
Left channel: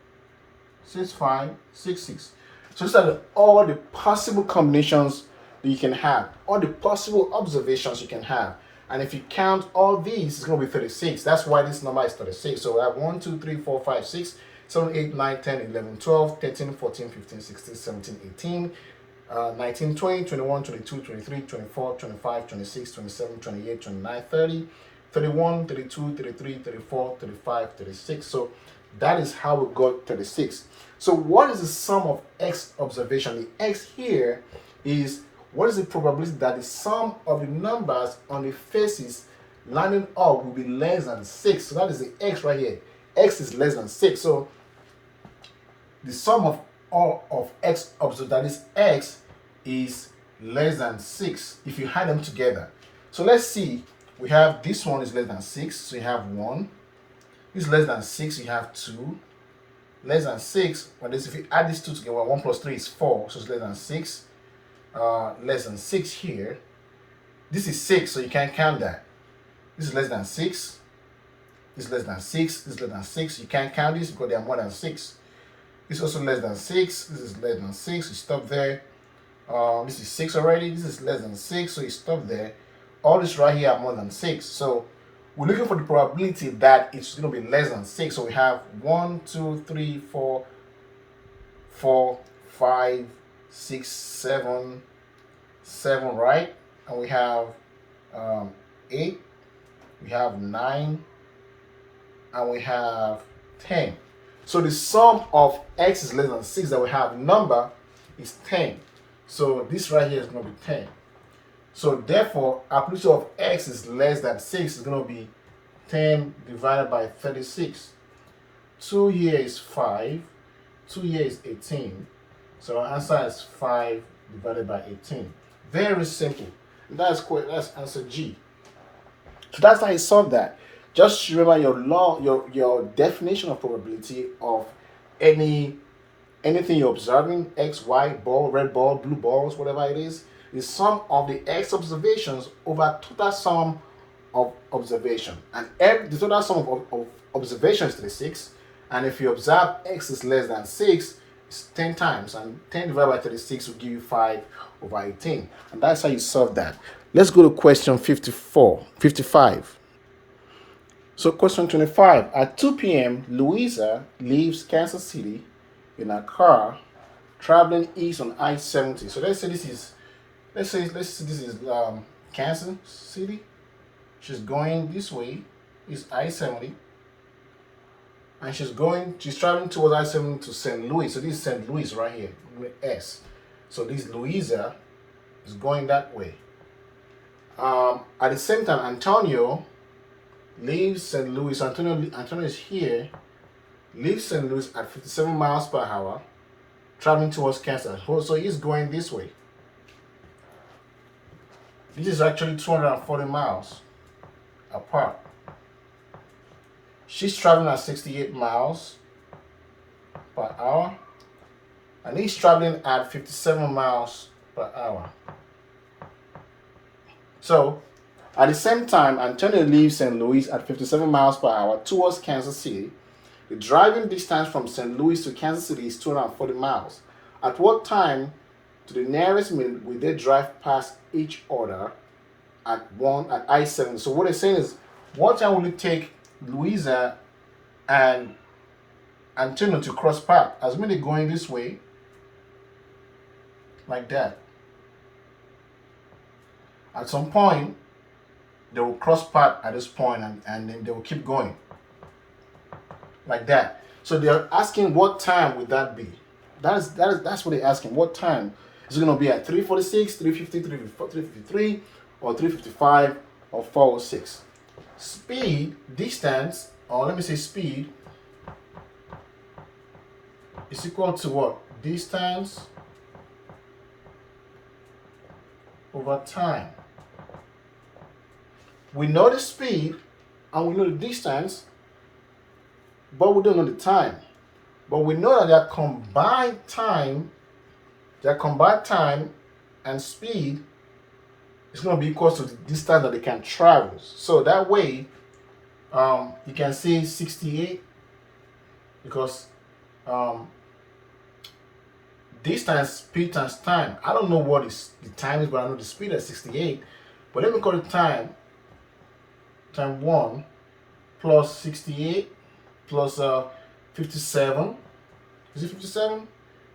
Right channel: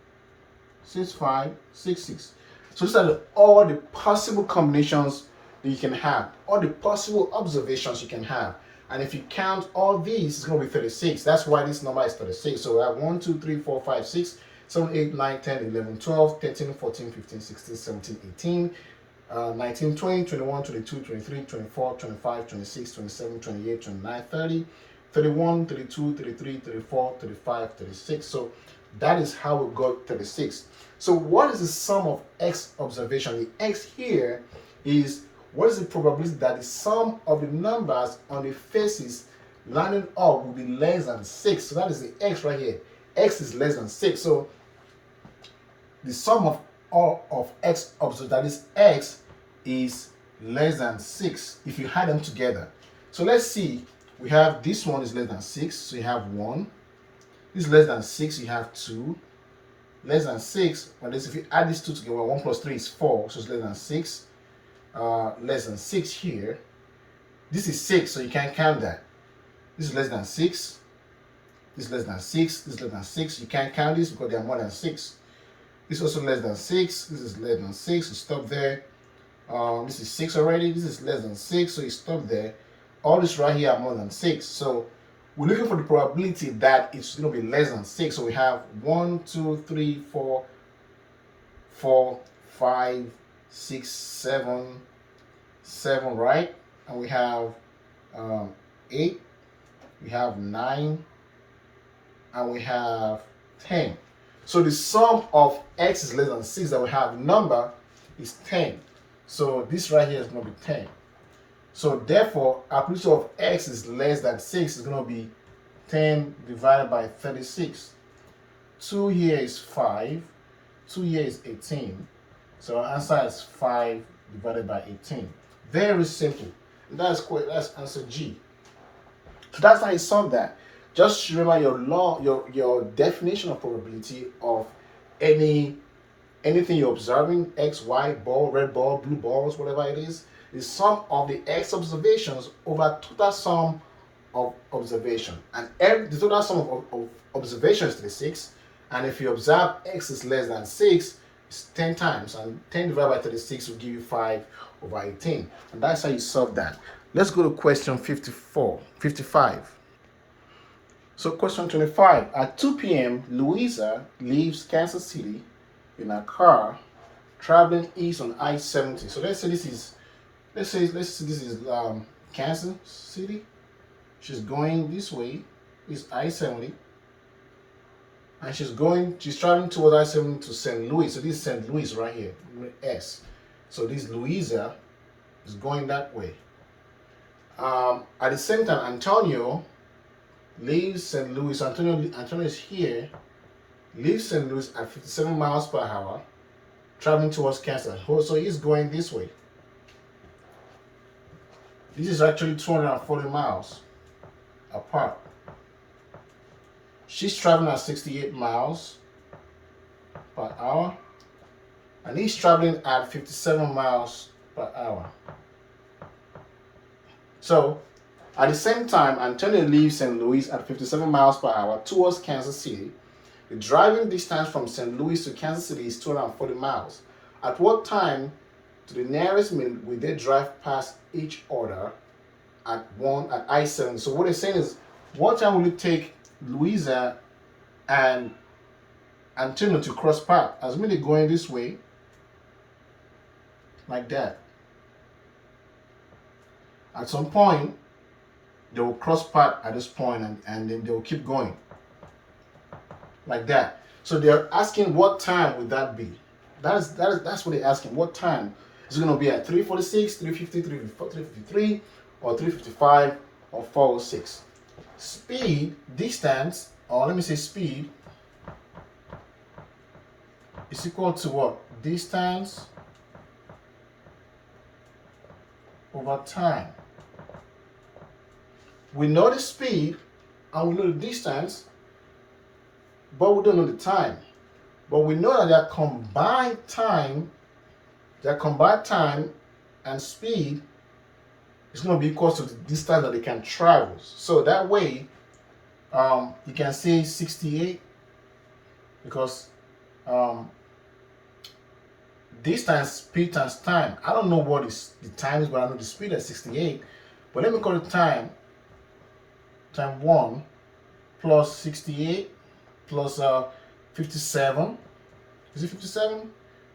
6 5, 6 6. So these are all the possible combinations that you can have, all the possible observations you can have. And if you count all these, it's going to be 36. That's why this number is 36. So we have 1, 2, 3, 4, 5, 6, 7, 8, 9, 10, 11, 12, 13, 14, 15, 16, 17, 18, 19, 20, 21, 22, 23, 24, 25, 26, 27, 28, 29, 30, 31, 32, 33, 34, 35, 36. So that is how we got 36. So what is the sum of x observation? The x here is what is the probability that the sum of the numbers on the faces lining up will be less than 6. So that is the x right here. X is less than 6. So the sum of all of x observed, that is x, is less than 6 if you add them together. So let's see. We have this one is less than 6, so you have 1. This is less than 6, you have 2. Less than 6, well, this, if you add these two together, 1 plus 3 is 4, so it's less than 6. Less than 6 here. This is 6, so you can't count that. This is less than 6. This is less than 6. This is less than 6. You can't count this because they are more than 6. This is also less than 6. This is less than 6. You stop there. This is 6 already. This is less than 6, so you stop there. All this right here are more than 6. So we're looking for the probability that it's going to be less than 6. So we have 1, 2, 3, 4, 4, 5, 6, 7, 7, right? And we have 8, we have 9, and we have 10. So the sum of x is less than 6 that we have number is 10. So this right here is going to be 10. So therefore, our probability of x is less than 6 is going to be 10 divided by 36. 2 here is 5. 2 here is 18. So our answer is 5 divided by 18. Very simple. That's answer G. So that's how you solve that. Just remember your definition of probability of anything you're observing, X, Y, ball, red ball, blue balls, whatever it is sum of the X observations over total sum of observation. And the total sum of observations is 6. And if you observe X is less than 6, it's 10 times. And 10 divided by 36 will give you 5 over 18. And that's how you solve that. Let's go to question 55. So question 25. At 2 p.m., Louisa leaves Kansas City in a car traveling east on I-70. So let's say this is Kansas City. She's going this way. It's I-70. And she's traveling towards I-70 to St. Louis. So this is St. Louis right here, with S. So this Louisa is going that way. At the same time, Antonio leaves St. Louis. Antonio is here. Leaves St. Louis at 57 miles per hour, traveling towards Kansas. So he's going this way. This is actually 240 miles apart. She's traveling at 68 miles per hour, and he's traveling at 57 miles per hour. So, at the same time, Antonio leaves St. Louis at 57 miles per hour towards Kansas City. The driving distance from St. Louis to Kansas City is 240 miles. At what time to the nearest minute will they drive past each other at I-70? So what they're saying is, what time will it take Louisa and Antonio to cross path? As many going this way, like that. At some point, they will cross path at this point, and then they will keep going. Like that. So they're asking what time would that be? That's what they're asking. What time? Is it going to be at 3:46, 3:50, 3:53, or 3:55, or 4:06? Speed, distance, or let me say speed, is equal to what? Distance over time. We know the speed and we know the distance, but we don't know the time. But we know that their combined time and speed is going to be equal to the distance that they can travel. So that way, you can say 68, because distance, speed times time. I don't know what the time is, but I know the speed is 68. But let me call it time 1 plus 68 plus 57. Is it 57?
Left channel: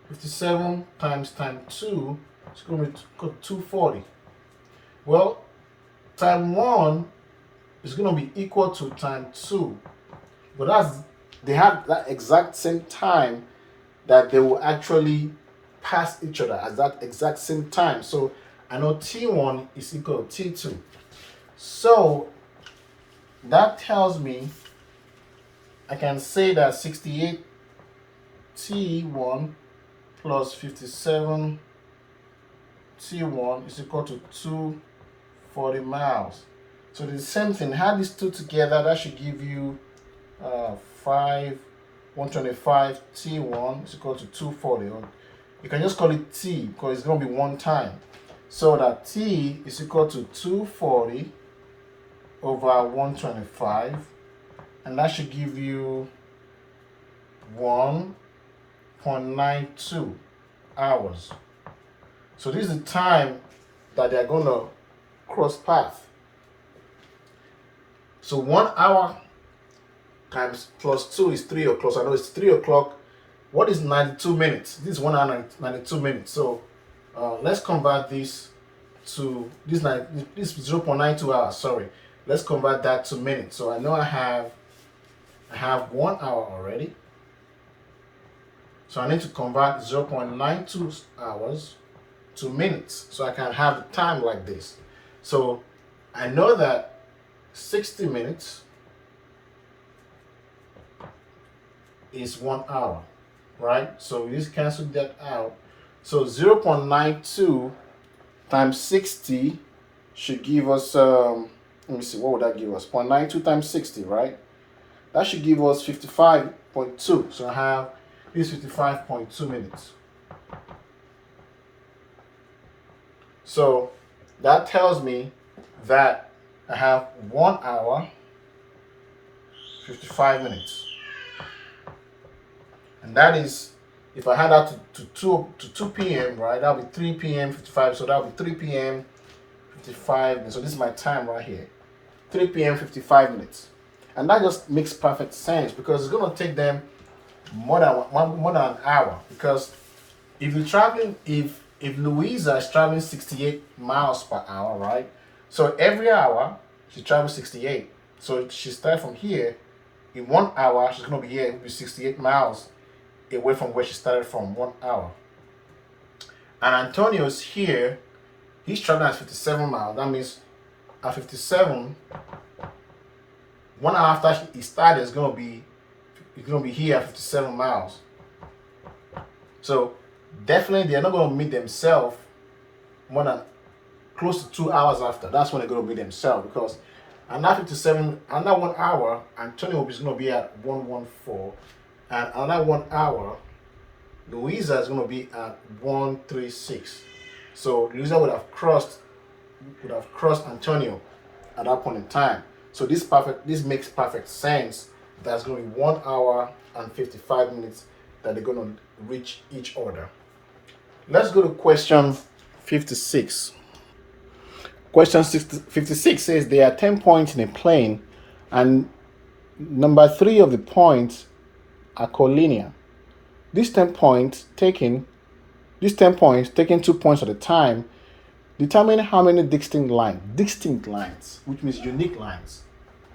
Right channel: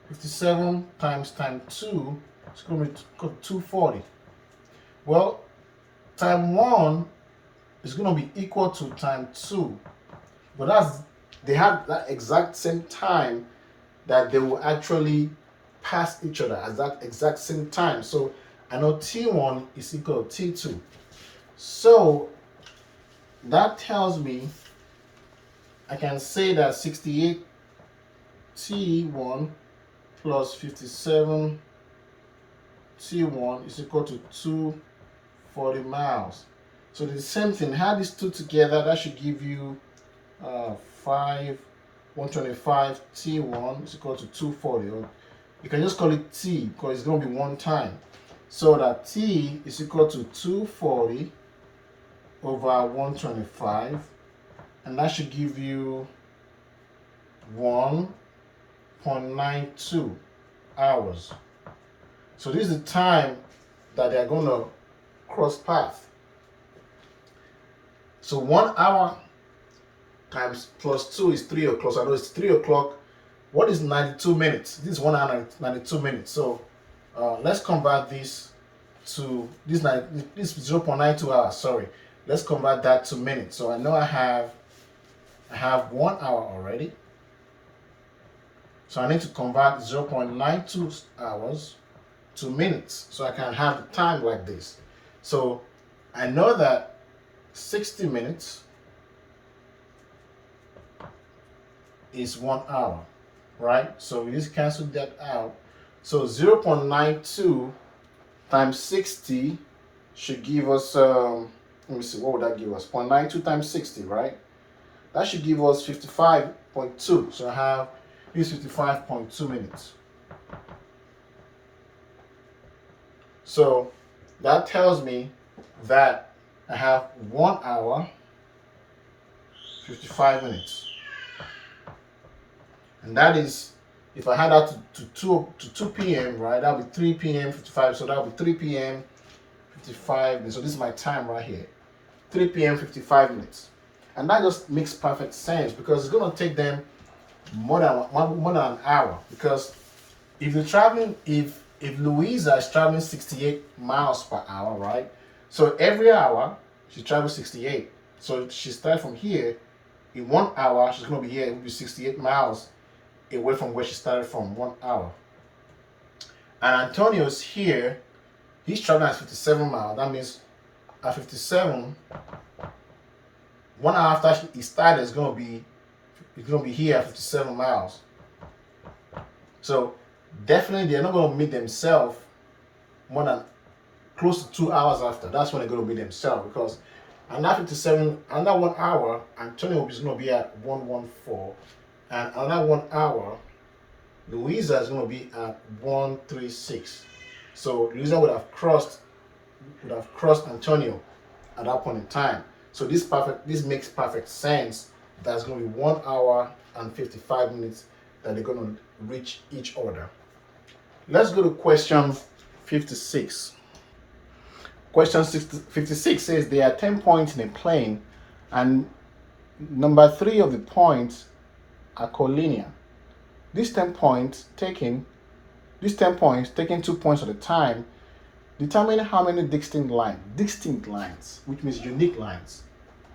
57 times 2 is going to be 240. Well, time 1 is going to be equal to time 2. But they have that exact same time that they will actually pass each other at that exact same time. So I know T1 is equal to T2. So that tells me I can say that 68 T1 plus 57 T1 is equal to 240 miles. So the same thing. Add these two together, that should give you 125 T1 is equal to 240. Or you can just call it T because it's going to be one time. So that T is equal to 240 over 125, and that should give you 1.92 hours. So this is the time that they're going to cross path. So 1 hour times plus 2 is 3 o'clock. So I know it's 3 o'clock. What is 92 minutes? This is 1 hour 92 minutes. So let's convert this to this 0.92 hours. Sorry, let's convert that to minutes. So I know I have 1 hour already. So I need to convert 0.92 hours to minutes so I can have the time like this. So I know that 60 minutes is 1 hour, right? So we just cancel that out. So 0.92 times 60 should give us, let me see, what would that give us? 0.92 times 60, right? That should give us 55.2. So I have this 55.2 minutes. So that tells me that I have 1 hour, 55 minutes. And that is, if I had that to 2 p.m., right, that would be 3 p.m. 55. So that would be 3 p.m. 55. So this is my time right here. 3 p.m. 55 minutes. And that just makes perfect sense because it's going to take them more than an hour. Because if you're traveling, if Louisa is traveling 68 miles per hour, right? So every hour she travels 68. So she starts from here. In 1 hour, she's going to be here. It will be 68 miles away from where she started from 1 hour. And Antonio's here. He's traveling at 57 miles. That means at 57, 1 hour after he started, he's going to be here at 57 miles. So definitely they're not going to meet themselves more than close to 2 hours after. That's when they're going to meet themselves, because another 57, another 1 hour, Antonio is going to be at 114, and another 1 hour, Louisa is going to be at 136. So Louisa would have crossed Antonio at that point in time. So this makes perfect sense. That's going to be 1 hour and 55 minutes that they're going to reach each other. Let's go to question 56. Question 56 says there are 10 points in a plane, and number 3 of the points are collinear. These 10 points taking 2 points at a time, determine how many distinct lines, which means unique lines,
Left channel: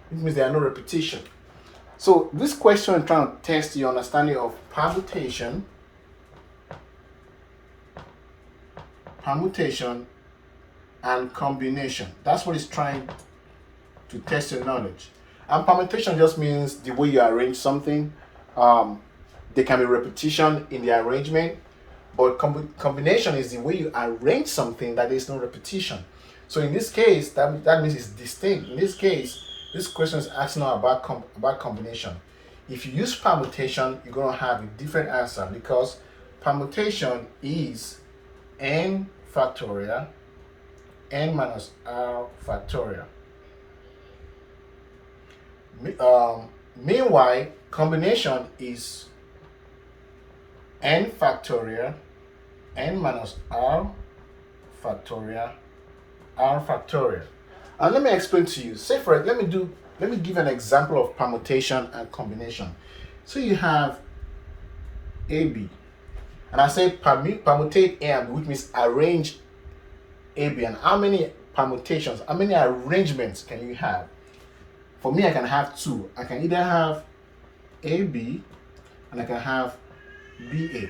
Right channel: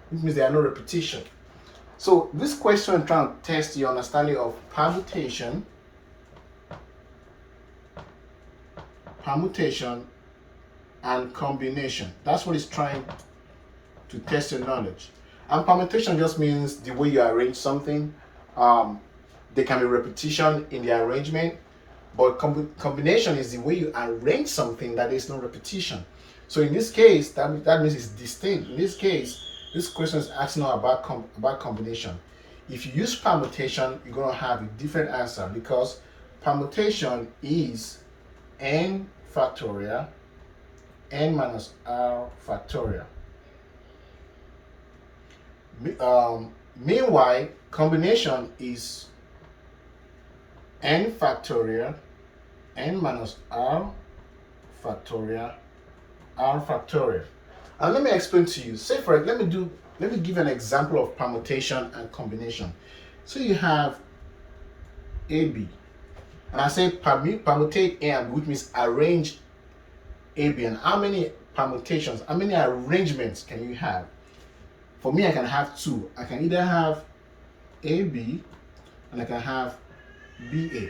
which means there are no repetition. So this question is trying to test your understanding of permutation, and combination. That's what it's trying to test your knowledge. And permutation just means the way you arrange something. There can be repetition in the arrangement, but combination is the way you arrange something that is no repetition. So in this case, that means it's distinct. In this case, this question is asking about combination. If you use permutation, you're going to have a different answer, because permutation is n factorial n minus r factorial. Meanwhile, combination is n factorial n minus r factorial r factorial. And let me explain to you. Say for let me give an example of permutation and combination. So you have AB, and I say permutate A and B, which means arrange AB. And how many permutations, how many arrangements can you have? For me, I can have 2. I can either have AB and I can have BA.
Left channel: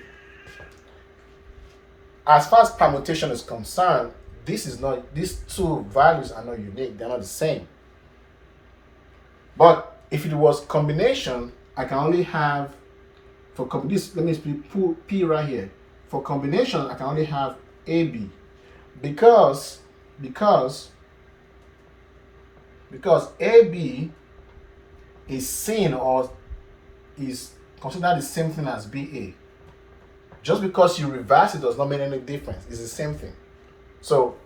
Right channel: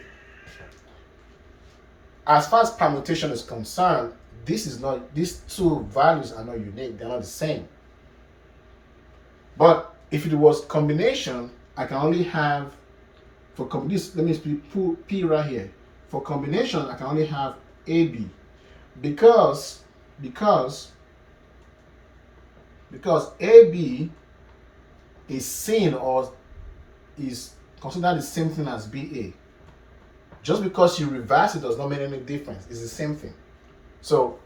As far as permutation is concerned, these 2 values are not unique, they're not the same. But if it was combination, I can only have, for this, let me put P right here. For combination, I can only have AB, because AB is seen or is considered the same thing as BA. Just because you reverse it does not mean any difference. It's the same thing. So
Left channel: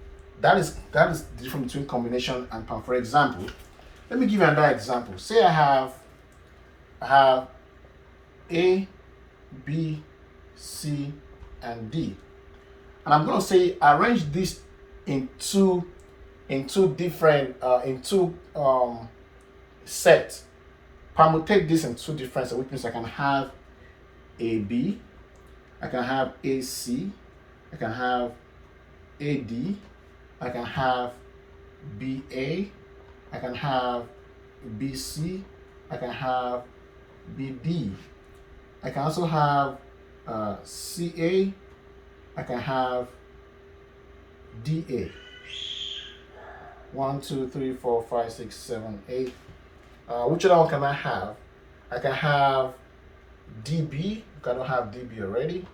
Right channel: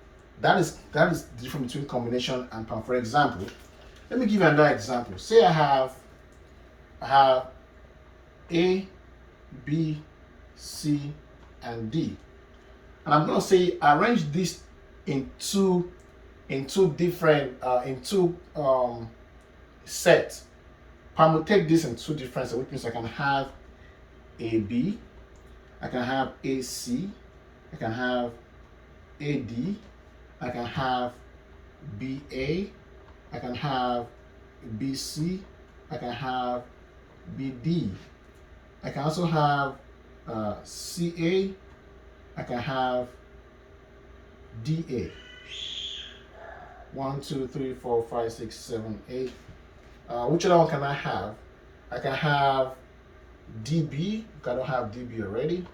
that is the difference between combination and perm. For example, let me give you another example. Say I have A, B, C, and D. and I'm going to say arrange this in two different sets. Permutate this in two different sets, which means I can have AB, I can have AC, I can have AD, I can have BA, I can have BC, I can have BD, I can also have CA, I can have DA. 1, 2, 3, 4, 5, 6, 7, 8. Which other one can I have? I can have DB, I don't have DB already,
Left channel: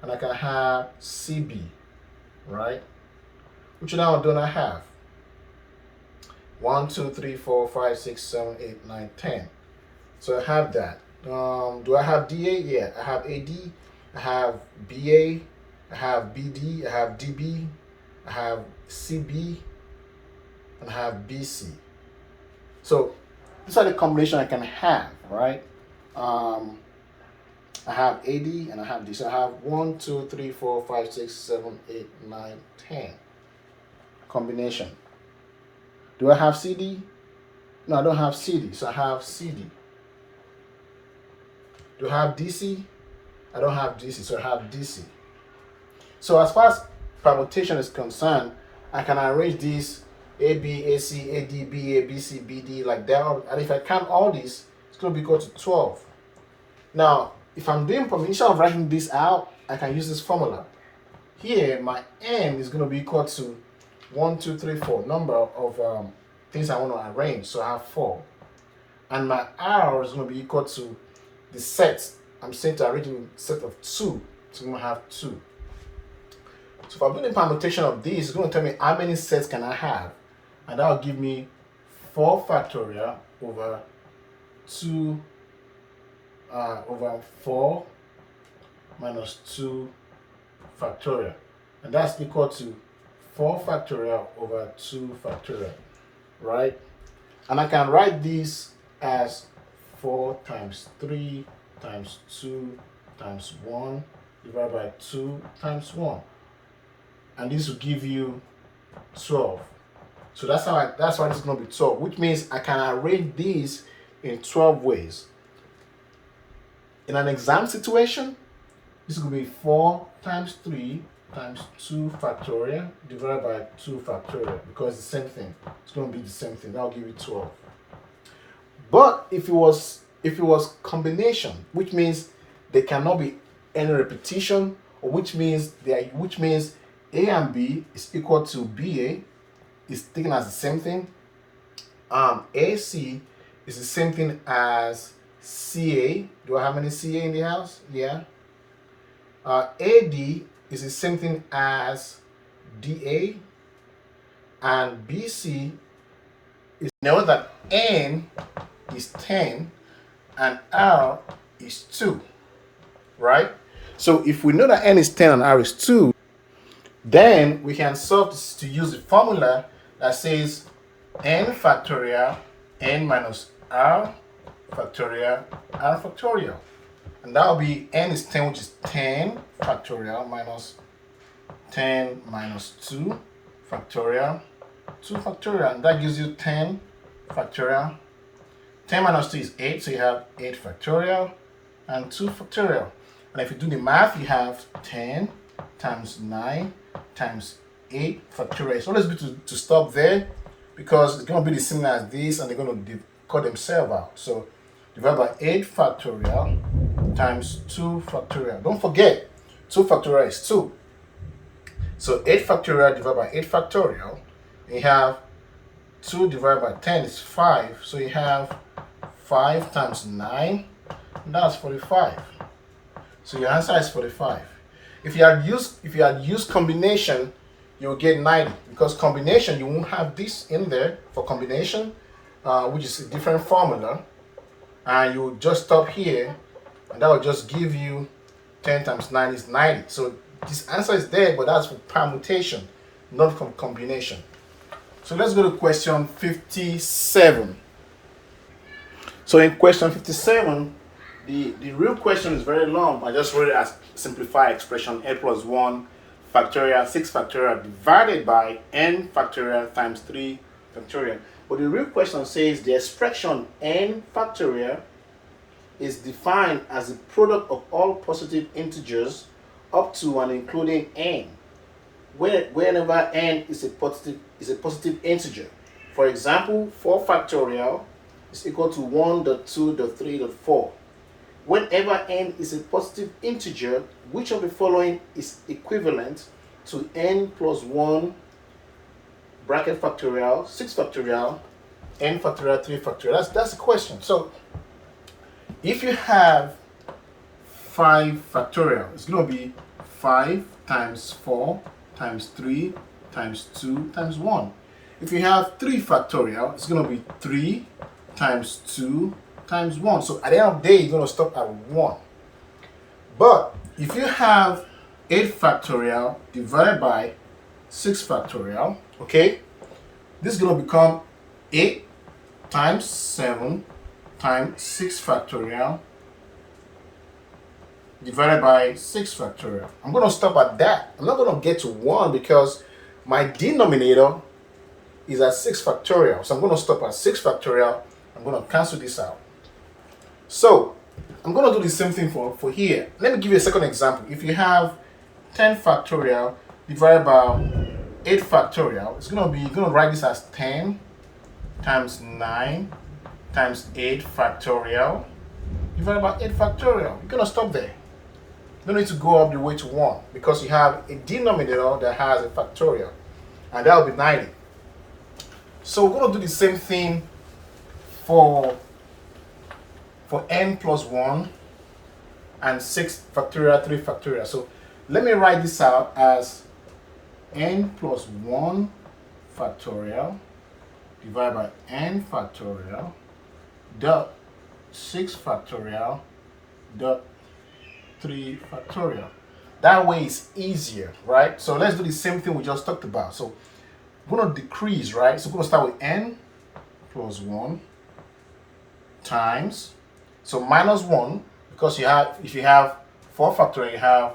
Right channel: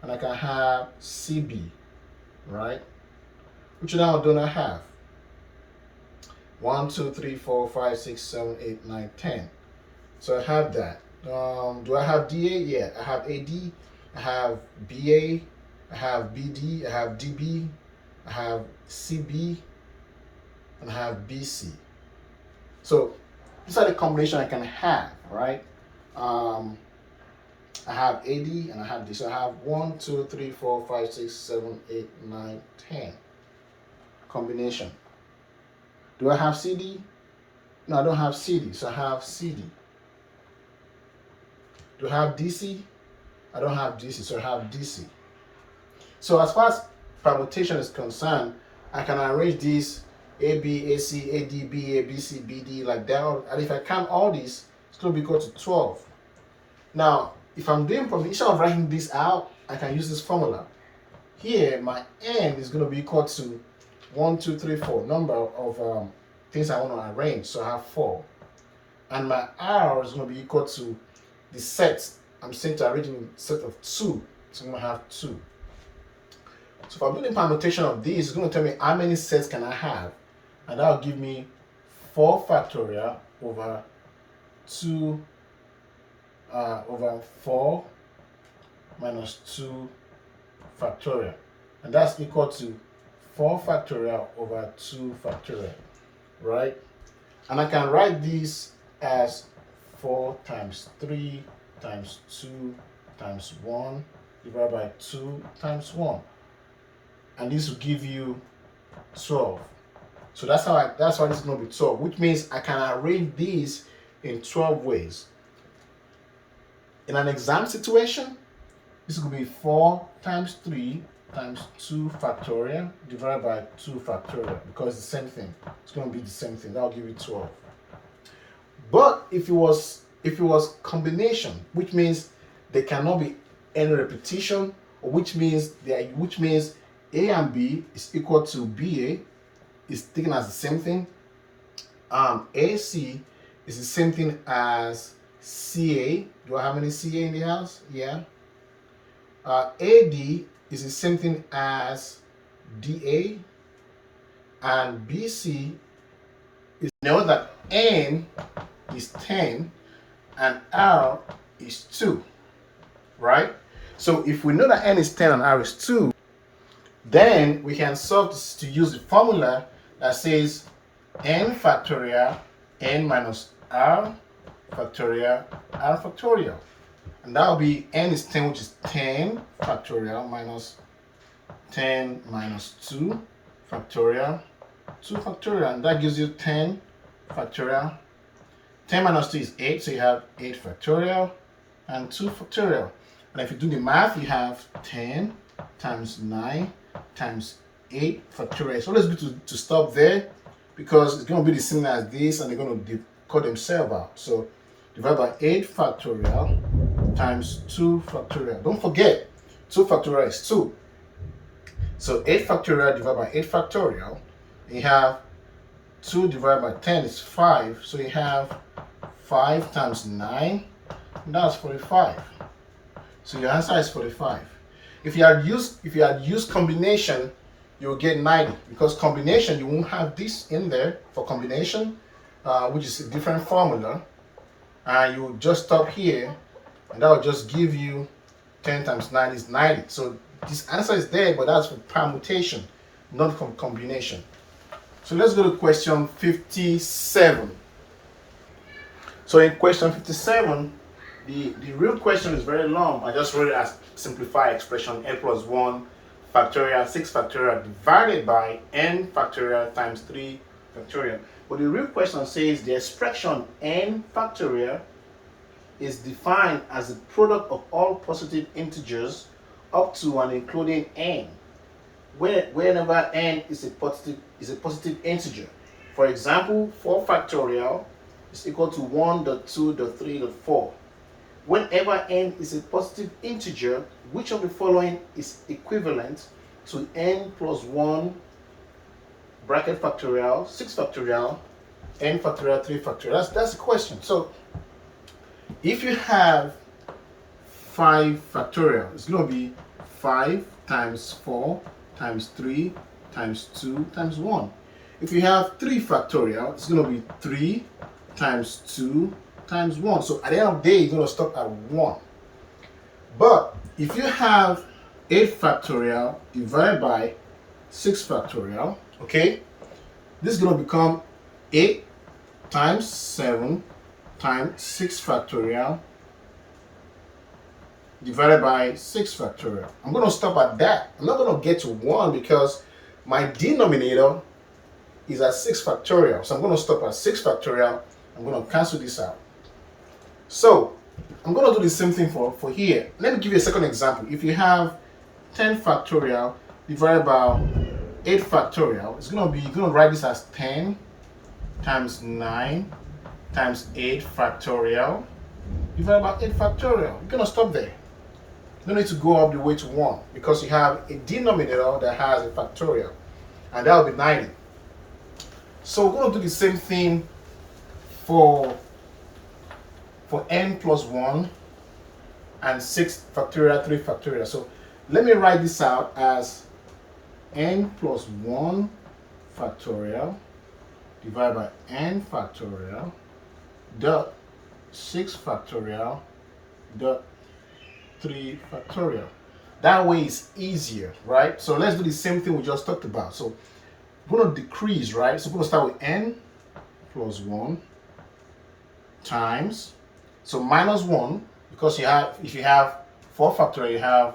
and I can have CB, right? Which other one don't I have? 1, 2, 3, 4, 5, 6, 7, 8, 9, 10. So I have that. Do I have DA? Yeah, I have AD, I have BA, I have BD, I have DB, I have CB, and I have BC. So these are the combination I can have, right? I have AD and I have this. So I have 1, 2, 3, 4, 5, 6, 7, 8, 9, 10 combination. Do I have CD? No, I don't have CD, so I have CD. Do I have DC? I don't have DC, so I have DC. So as far as permutation is concerned, I can arrange these AB, AC, AD, BA, BC, BD like that. And if I count all these, it's going to be equal to 12. Now, if I'm doing permutation, instead of writing this out, I can use this formula. Here, my N is going to be equal to 1, 2, 3, 4, number of things I want to arrange. So I have 4. And my R is going to be equal to the set. I'm saying to arrange in a set of 2. So I'm going to have 2. So if I'm doing the permutation of these, it's going to tell me how many sets can I have. And that will give me 4 factorial over 2 over 4 minus 2 factorial. And that's equal to 4 factorial over 2 factorial, right? And I can write this as 4 times 3 times 2 times 1 divided by 2 times 1. And this will give you 12. So that's why this is going to be 12, which means I can arrange these in 12 ways. In an exam situation, this is going to be 4 times 3 times 2 factorial divided by 2 factorial, because it's the same thing. It's going to be the same thing. That'll give you 12. But if it was combination, which means there cannot be any repetition, or which means A and B is equal to BA, is taken as the same thing. AC is the same thing as CA. Do I have any CA in the house? Yeah. AD is the same thing as DA, and BC is, know that N is 10 and R is 2, right? So if we know that N is 10 and R is 2, then we can solve this to use the formula that says N factorial N minus R factorial R factorial. And that will be N is 10, which is 10 factorial minus 10 minus 2 factorial, 2 factorial, and that gives you 10 factorial. 10 minus 2 is 8, so you have 8 factorial and 2 factorial. And if you do the math, you have 10 times 9 times 8 factorial. So let's be to stop there, because it's going to be the same as this, and they're going to cut themselves out. So divide by 8 factorial times 2 factorial. Don't forget, 2 factorial is 2. So 8 factorial divided by 8 factorial, and you have 2 divided by 10 is 5. So you have 5 times 9, and that's 45. So your answer is 45. If you had used combination, you will get 90, because combination, you won't have this in there for combination, which is a different formula, and you will just stop here, and that will just give you 10 times 9 is 90. So this answer is there, but that's for permutation, not from combination. So let's go to question 57. So in question 57, the real question is very long. I just wrote it as simplified expression, n plus 1 factorial, 6 factorial divided by n factorial times 3 factorial. But the real question says the expression n factorial is defined as the product of all positive integers up to and including n, whenever n is a positive integer. For example, 4 factorial is equal to 1, 2, 3, 4. Whenever n is a positive integer, which of the following is equivalent to n plus 1 bracket factorial, 6 factorial, n factorial, 3 factorial? That's the question. So if you have 5 factorial, it's going to be 5 times 4 times 3 times 2 times 1. If you have 3 factorial, it's going to be 3 times 2 times 1. So at the end of the day, you're going to stop at 1. But if you have 8 factorial divided by 6 factorial, okay, this is going to become 8 times 7 times 6 factorial divided by 6 factorial. I'm going to stop at that. I'm not going to get to 1 because my denominator is at 6 factorial. So I'm going to stop at 6 factorial. I'm going to cancel this out. So I'm going to do the same thing for here. Let me give you a second example. If you have 10 factorial divided by 8 factorial, it's going to be, you're going to write this as 10 times 9 times 8 factorial divided by 8 factorial. You're going to stop there. You don't need to go up the way to 1 because you have a denominator that has a factorial, and that will be 90. So we're going to do the same thing for n plus 1 and 6 factorial, 3 factorial. So let me write this out as n plus 1 factorial divided by n factorial dot 6 factorial dot 3 factorial. That way it's easier, right? So let's do the same thing we just talked about. So I'm going to decrease, right? So we're going to start with n plus 1 times, so minus 1, because if you have 4 factorial, you have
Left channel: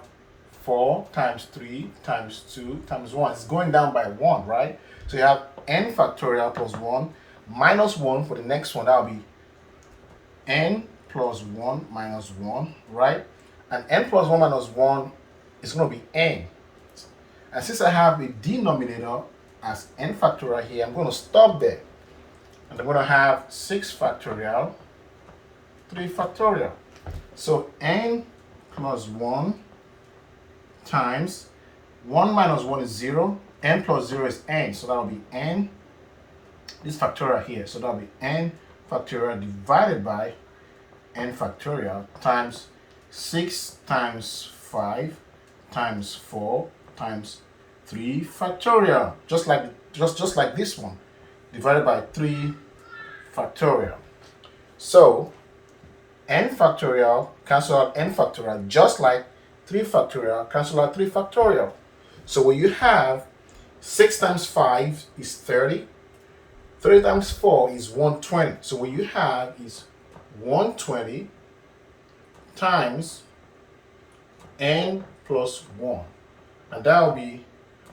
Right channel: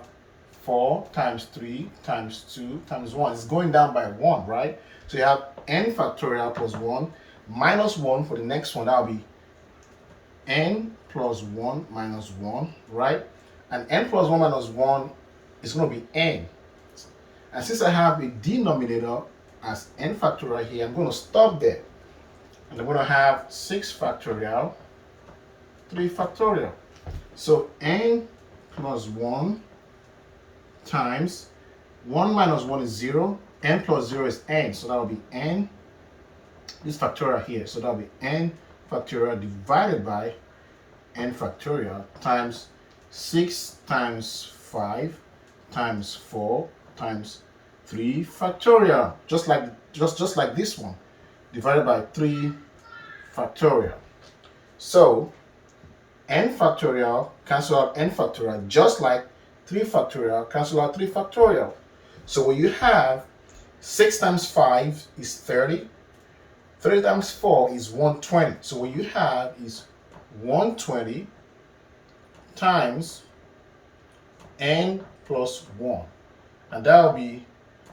4 times 3 times 2 times 1. It's going down by 1, right? So you have n factorial plus 1 minus 1 for the next one. That will be n plus 1 minus 1, right? And n plus 1 minus 1 is going to be n. And since I have a denominator as n factorial here, I'm going to stop there. And I'm going to have 6 factorial, 3 factorial. So n plus 1 times 1 minus 1 is 0. N plus 0 is n. So that will be n, this factorial here. So that will be n factorial divided by n factorial times 6 times 5 times 4 times 3 factorial. Just like this one. Divided by 3 factorial. So n factorial cancel out n factorial, just like 3 factorial cancel out 3 factorial. So when you have 6 times 5 is 30, 30 times 4 is 120. So what you have is 120 times n plus 1. And that will be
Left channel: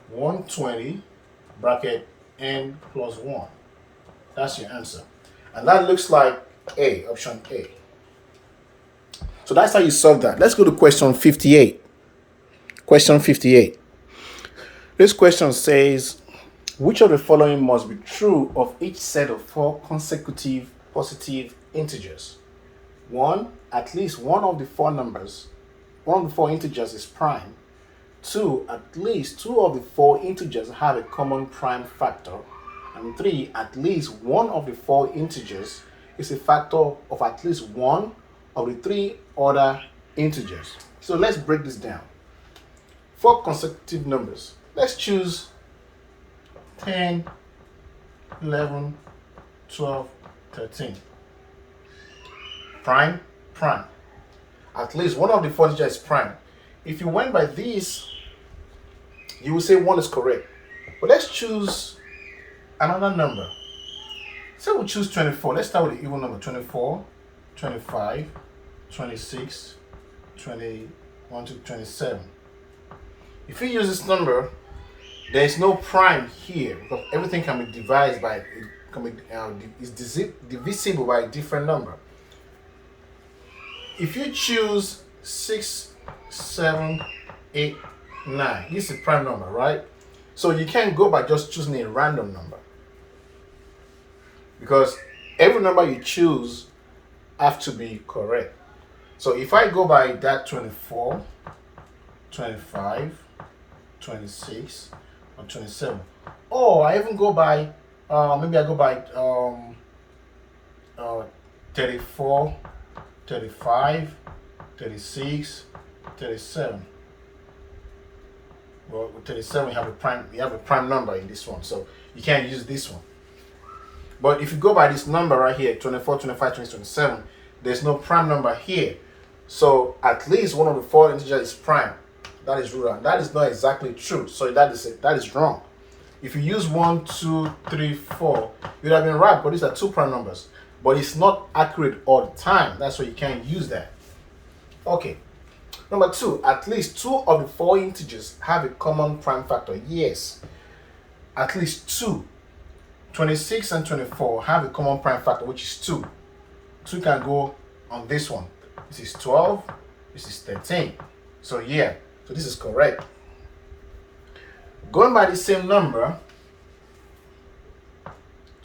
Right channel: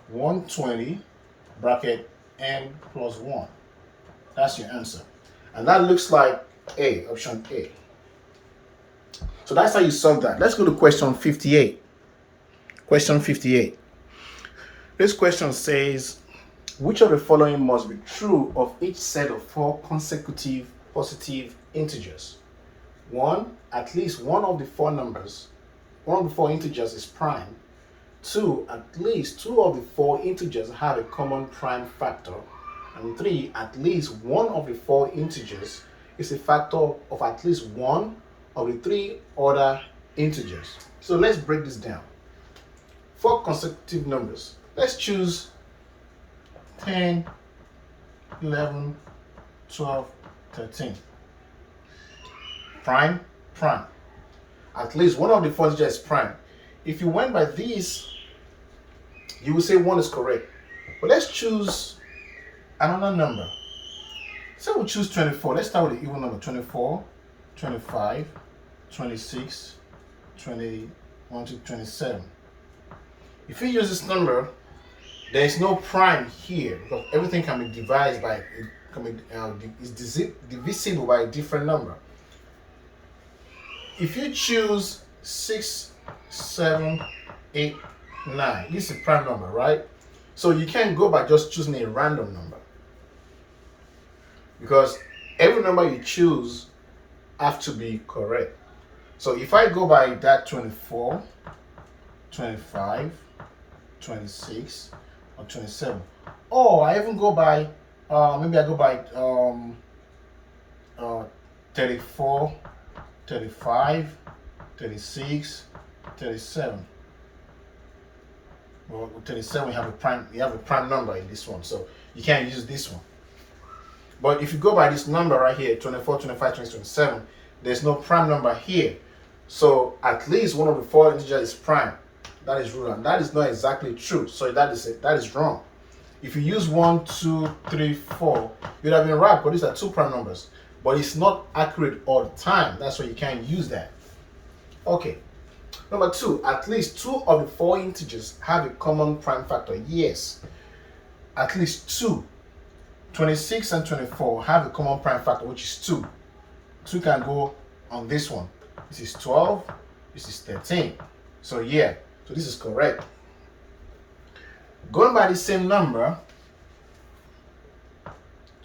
120 bracket n plus 1. That's your answer. And that looks like A, option A. So that's how you solve that. Let's go to question 58. Question 58. This question says, which of the following must be true of each set of 4 consecutive positive integers? 1, at least one of the 4 integers is prime. 2, at least 2 of the 4 integers have a common prime factor. And 3, at least one of the 4 integers is a factor of at least one of the 3 other integers. So let's break this down. 4 consecutive numbers. Let's choose 10, 11, 12, 13. Prime, prime. At least one of the 4 integers is prime. If you went by this, you will say 1 is correct. But let's choose another number. So we'll choose 24. Let's start with the even number. 24, 25, 26, 21 to 27. If you use this number, there is no prime here because everything can be divided by is divisible by a different number. If you choose 6, 7, 8, 9, this is a prime number, right? So you can't go by just choosing a random number because every number you choose have to be correct. So if I go by that 24, 25, 26, or 27, or I even go by maybe I go by 34, 35, 36, 37. Well, with 37 you have a prime number in this one, so you can't use this one. But if you go by this number right here, 24, 25, 26, 27, there's no prime number here. So at least one of the 4 integers is prime. That is rule, and that is not exactly true. So that is wrong. If you use 1, 2, 3, 4, you'd have been right, but these are 2 prime numbers. But it's not accurate all the time. That's why you can't use that. Okay. Number 2, at least 2 of the 4 integers have a common prime factor. Yes. At least 2. 26 and 24 have a common prime factor, which is 2. 2 can go on this one. This is 12. This is 13. So yeah. So this is correct. Going by the same number,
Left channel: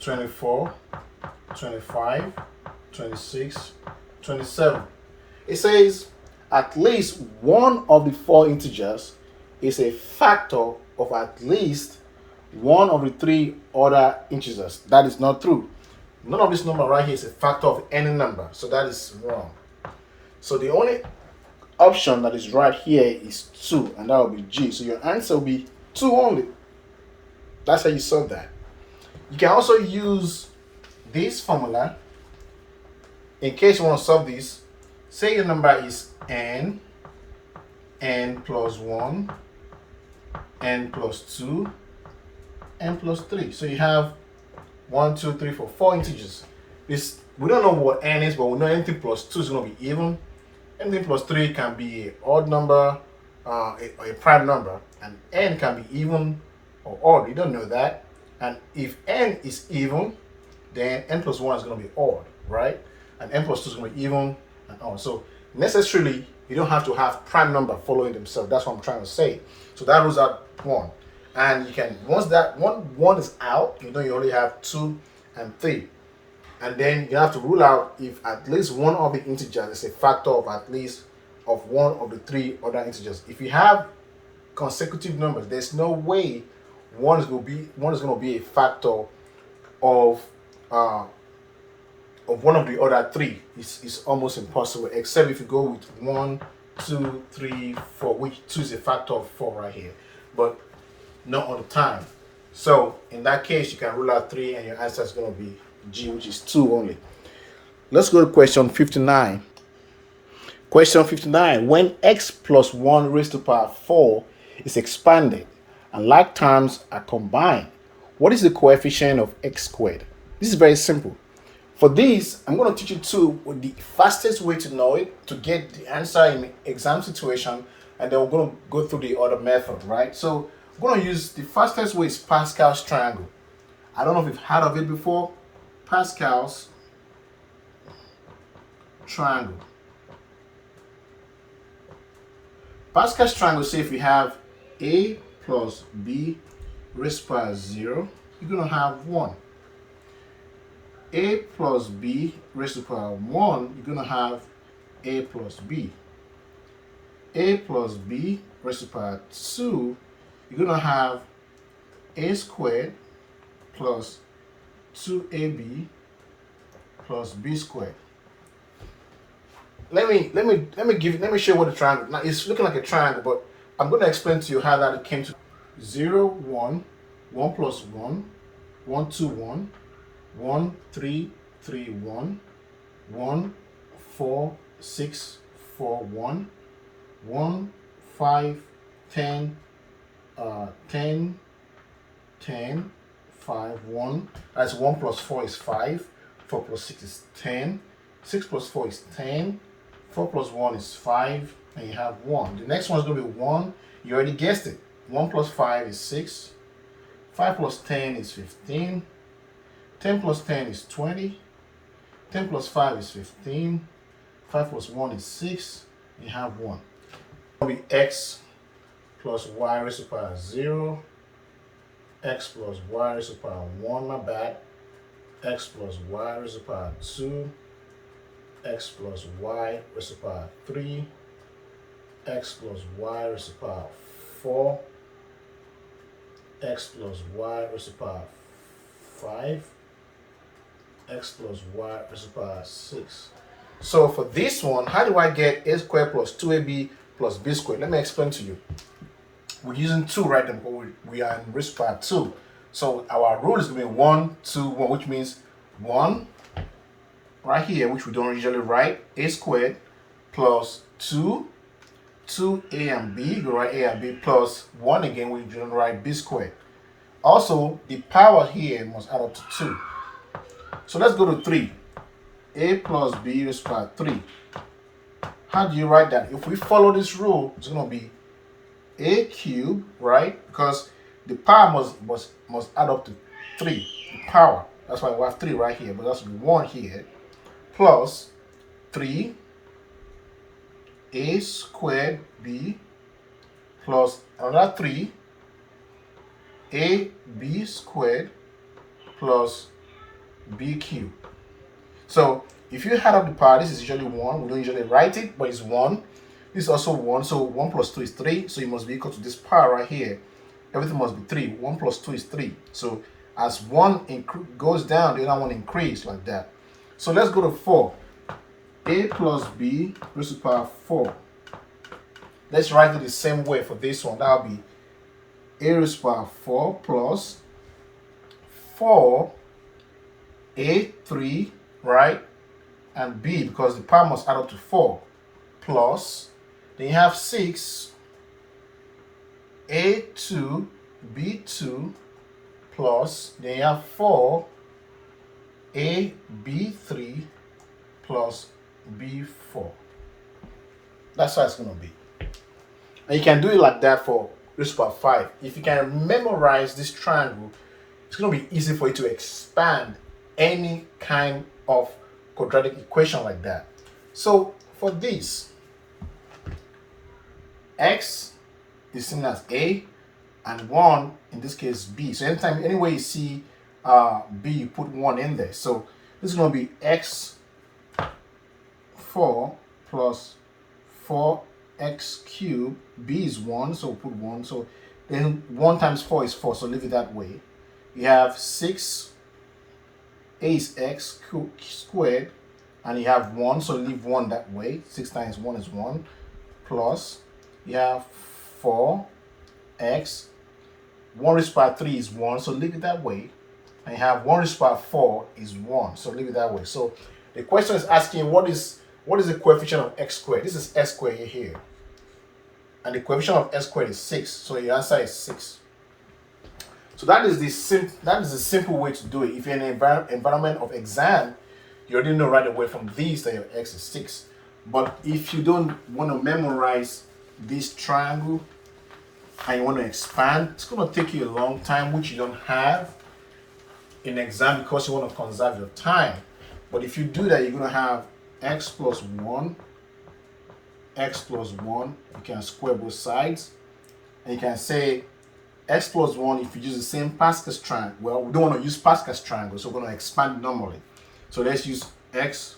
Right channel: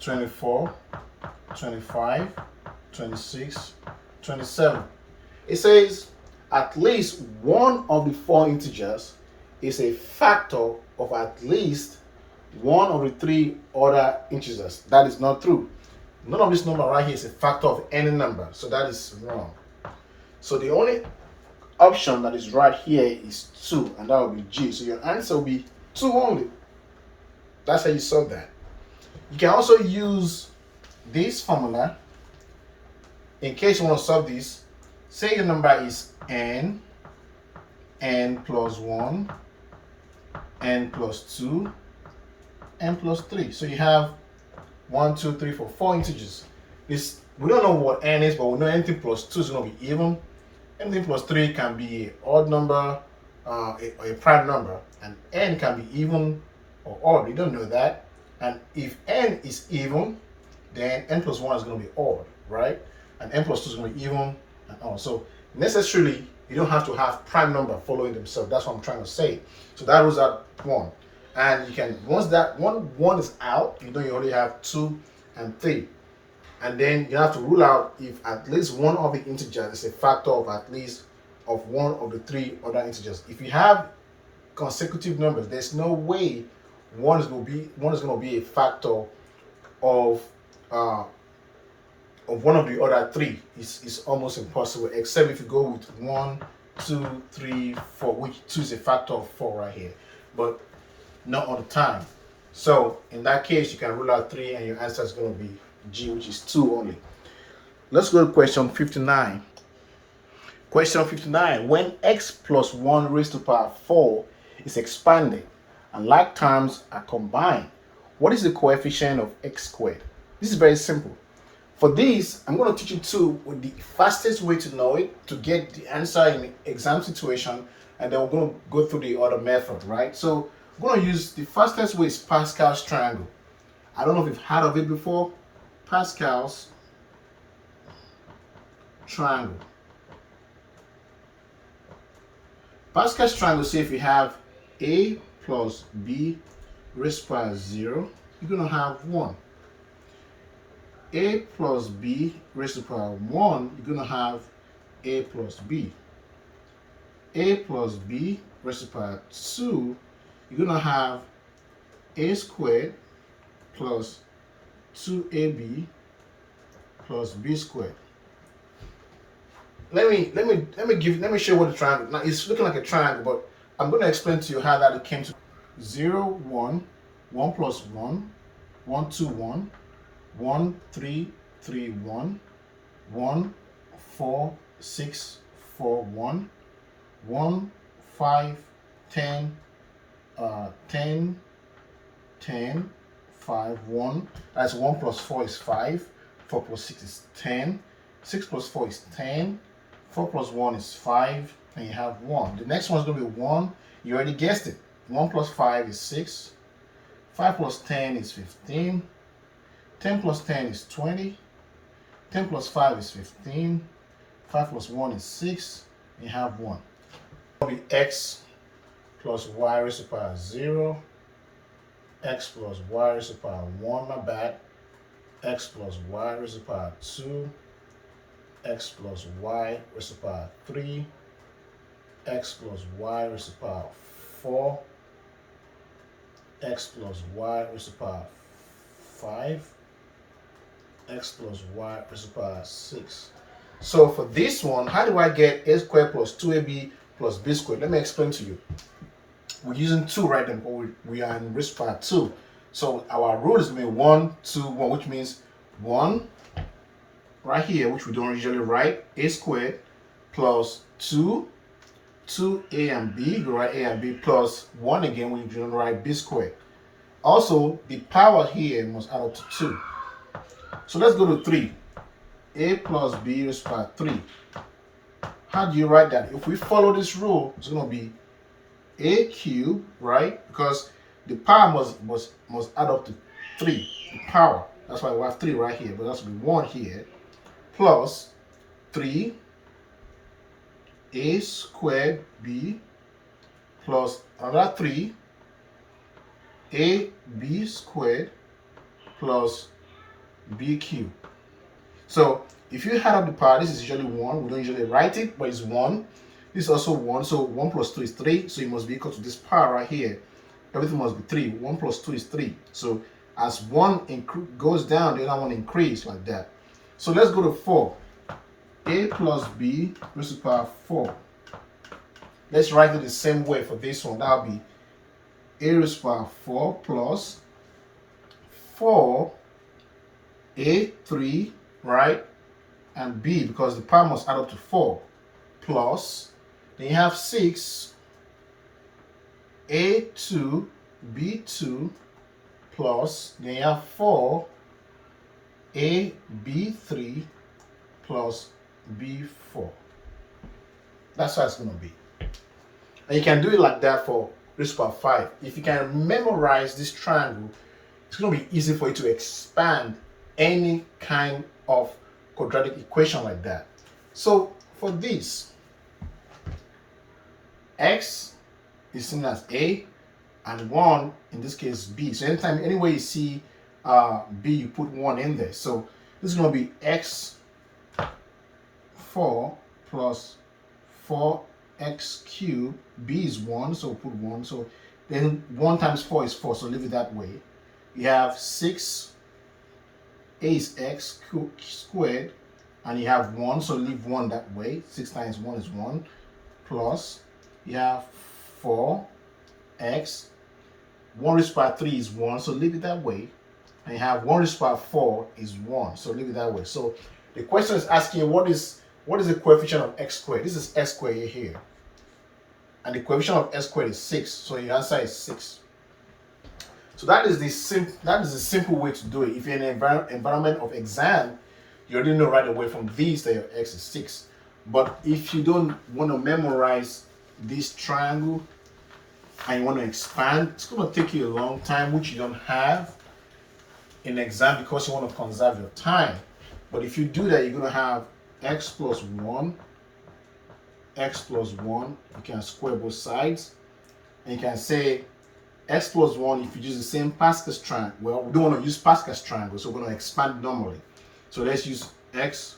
24, 25, 26, 27. It says at least one of the 4 integers is a factor of at least one of the 3 other integers. That is not true. None of this number right here is a factor of any number, so that is wrong. So the only option that is right here is 2, and that will be G. So your answer will be 2 only. That's how you solve that. You can also use this formula in case you want to solve this. Say your number is n plus 1, n plus 2, n plus 3. So you have 1, 2, 3, 4, 4 integers. This, we don't know what n is, but we know anything plus 2 is going to be even. Anything plus 3 can be an odd number, a prime number, and n can be even or odd. We don't know that. And if n is even, then n plus 1 is going to be odd, right? And n plus 2 is going to be even and odd. So necessarily, you don't have to have prime number following themselves. That's what I'm trying to say. So that rules out 1. And you can, once that one is out, you know you only have 2 and 3. And then you have to rule out if at least one of the integers is a factor of at least of one of the 3 other integers. If you have consecutive numbers, there's no way one is going to be a factor of one of the other 3. It's almost impossible, except if you go with 1, 2, 3, 4, which 2 is a factor of 4 right here, but not all the time. So in that case, you can rule out 3, and your answer is going to be G, which is 2 only. Let's go to question 59. Question 59. When x plus 1 raised to the power 4 is expanded and like terms are combined, what is the coefficient of x squared? This is very simple. For this, I'm going to teach you the fastest way to know it, to get the answer in the exam situation, and then we're going to go through the other method, right? So we're going to use the fastest way is Pascal's triangle. I don't know if you've heard of it before. Pascal's triangle. Pascal's triangle says if you have a plus b raised to the power 0, you're going to have 1. A plus b raised to the power 1, you're going to have a plus b. A plus b raised to the power 2, you're going to have a squared plus 2ab plus b squared. Let me show you what the triangle. Now it's looking like a triangle, but I'm going to explain to you how that it came to 0, 1, 1 plus 1, 1, 2, 1, 1, 3, 3, 1, 1, 4, 6, 4, 1, 1, 5, 10, 10, 10, 5, 1. That's 1 plus 4 is 5. 4 plus 6 is 10. 6 plus 4 is 10. 4 plus 1 is 5. and you have 1. The next one is going to be 1. You already guessed it. 1 plus 5 is 6. 5 plus 10 is 15. 10 plus 10 is 20. 10 plus 5 is 15. 5 plus 1 is 6. You have 1. It will be x plus y raised to the power 0. X plus y raised to the power 1, my bad. X plus y raised to the power 2. X plus y raised to the power 3. X plus y raised to the power 4. X plus y raised to the power 5. X plus y raised to the power 6. So for this one, how do I get a squared plus 2ab plus b squared? Let me explain to you. We're using 2 right now. We are in raised to the power 2. So our rule is going to be 1, 2, 1, which means 1 right here, which we don't usually write, a squared plus 2, 2a and b, we write a and b, plus 1 again, we don't write b squared. Also, the power here must add up to 2. So let's go to 3. A plus b raised to the power 3. How do you write that? If we follow this rule, it's going to be a cubed, right? Because the power must add up to 3. The power. That's why we have 3 right here, but that's going to be 1 here. Plus 3 a squared b plus another 3 a b squared plus b cubed. So if you add up the power, this is usually 1. We don't usually write it, but it's 1. This is also 1. So 1 plus 2 is 3. So it must be equal to this power right here. Everything must be 3. 1 plus 2 is 3. So as 1 goes down, the other one increases like that. So let's go to 4. A plus b raised to the power 4. Let's write it the same way for this one. That will be a raised to the power 4 plus 4 a 3, right? And b, because the power must add up to 4, plus, then you have 6 a2 b2 plus, then you have 4 a b3 plus b4. That's how it's going to be. And you can do it like that for raised to the power 5. If you can memorize this triangle, it's going to be easy for you to expand any kind of quadratic equation like that. So for this, x is seen as a, and 1 in this case b. So anytime, anywhere you see b, you put 1 in there. So this is going to be x 4 plus 4x cubed. B is 1, so we'll put 1. So then 1 times 4 is 4, so leave it that way. You have 6 a is x squared, and you have 1, so leave 1 that way. 6 times 1 is 1, plus you have 4x. 1 raised to the power 3 is 1, so leave it that way. And you have 1 raised to the power 4 is 1, so leave it that way. So the question is asking what is the coefficient of x squared? This is x squared here. And the coefficient of x squared is 6, so your answer is 6. So that is the simple way to do it. If you're in an environment of exam, you already know right away from these that your x is 6. But if you don't want to memorize this triangle and you want to expand, it's going to take you a long time, which you don't have in exam because you want to conserve your time. But if you do that, you're going to have x plus 1, x plus 1. You can square both sides. And you can say x plus 1, if you use the same Pascal's triangle. Well, we don't want to use Pascal's triangle, so we're going to expand normally. So let's use x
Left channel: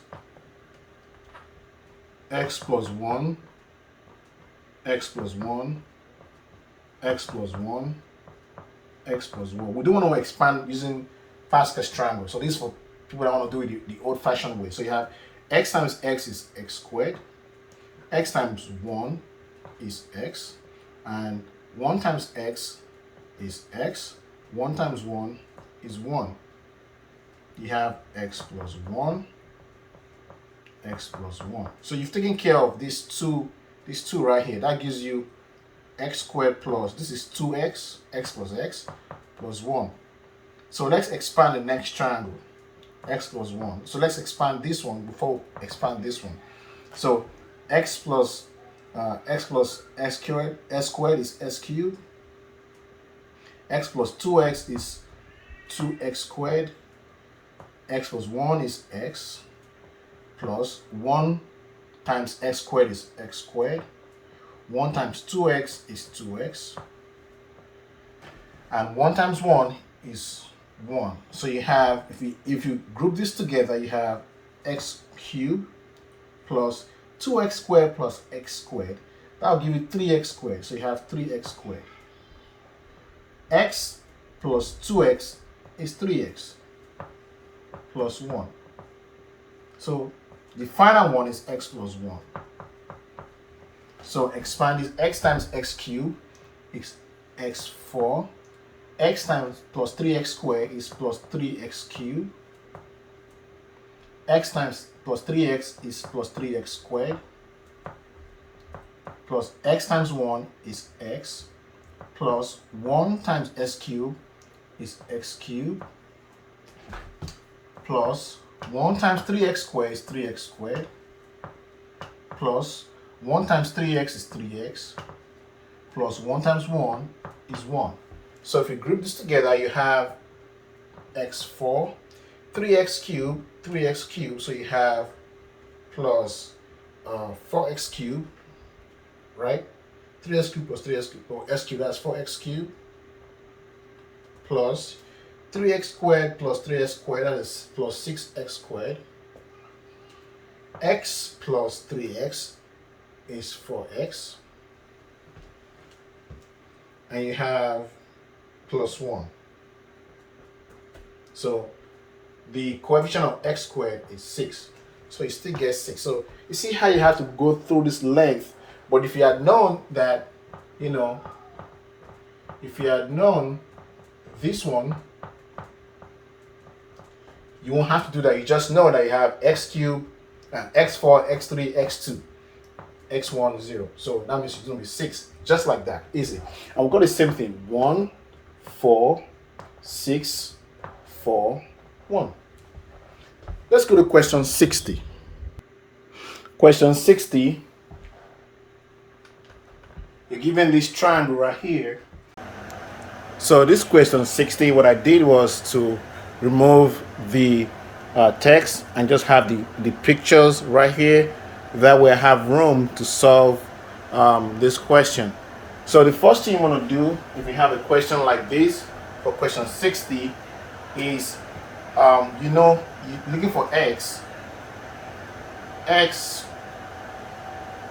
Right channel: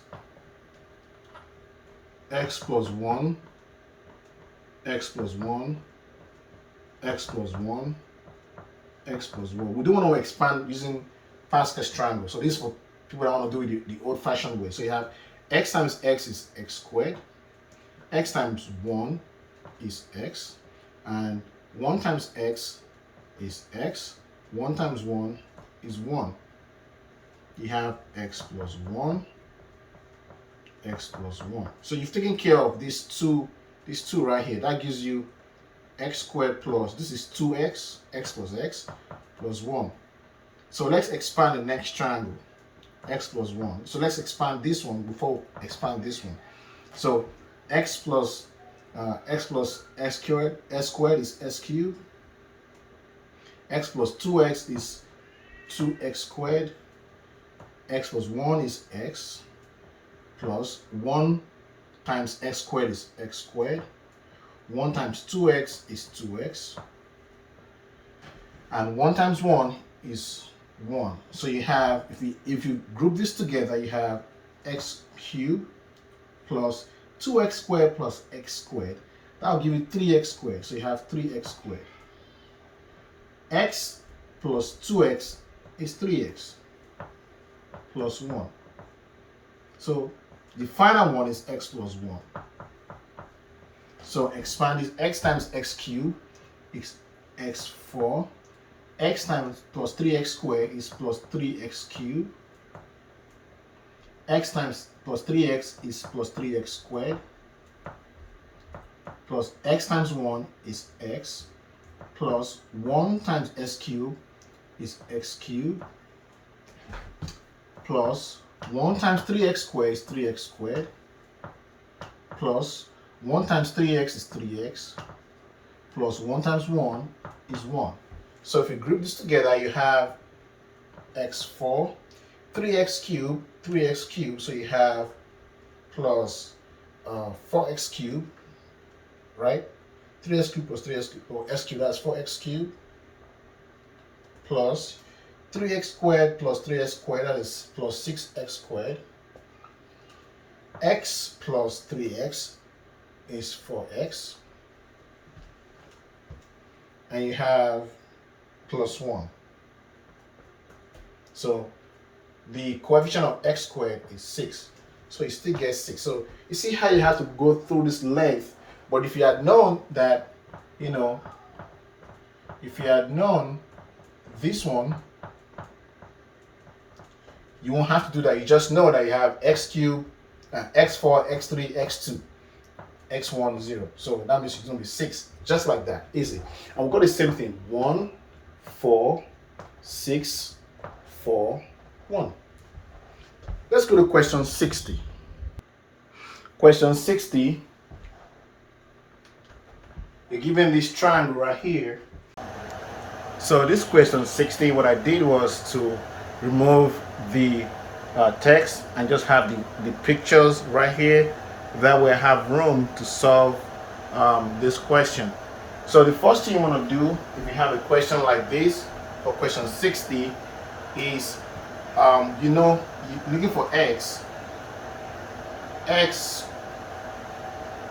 plus 1, x plus 1, x plus 1, x plus 1. We don't want to expand using Pascal's triangle. So this is for people that want to do it the old-fashioned way. So you have x times x is x squared. X times 1 is x. And 1 times x is x. 1 times 1 is 1. You have x plus 1, x plus 1. So you've taken care of these two right here. That gives you x squared plus, this is 2x, x plus x, plus 1. So let's expand the next triangle, x plus 1. So let's expand this one before we expand this one. So x plus X plus x squared is x cubed. X plus 2x is 2x squared. X plus 1 is x, plus 1 times x squared is x squared. 1 times 2x is 2x. And 1 times 1 is 1. So you have, if you group this together, you have x cubed plus 2x squared plus x squared. That will give you 3x squared. So you have 3x squared. X plus 2x is 3x plus 1. So the final one is x plus 1. So expand this. X times x cubed is x4. X times plus 3x squared is plus 3x cubed. X times plus 3x is plus 3x squared. Plus x times 1 is x. Plus 1 times x cubed is x cubed. Plus 1 times 3x squared is 3x squared. Plus 1 times 3x is 3x. Plus 1 times 1 is 1. So if you group this together, you have x4, 3x cubed, so you have plus 4x cubed, right? 3x cubed plus 3x cubed, or x cubed, that's 4x cubed, plus 3x squared plus 3x squared, that is plus 6x squared. X plus 3x is 4x. And you have plus 1. So the coefficient of x squared is 6. So you still get 6. So you see how you have to go through this length. But if you had known that, if you had known this one, you won't have to do that. You just know that you have x cubed, x4, x3, x2, x1, 0. So that means it's going to be 6. Just like that. Easy. And we've got the same thing. 1, 4, 6, 4, 1. Let's go to question 60. Question 60. You're given this triangle right here. So this question 60, what I did was to remove the text and just have the pictures right here. That way I have room to solve this question. So the first thing you want to do if you have a question like this for question 60 is you're looking for x,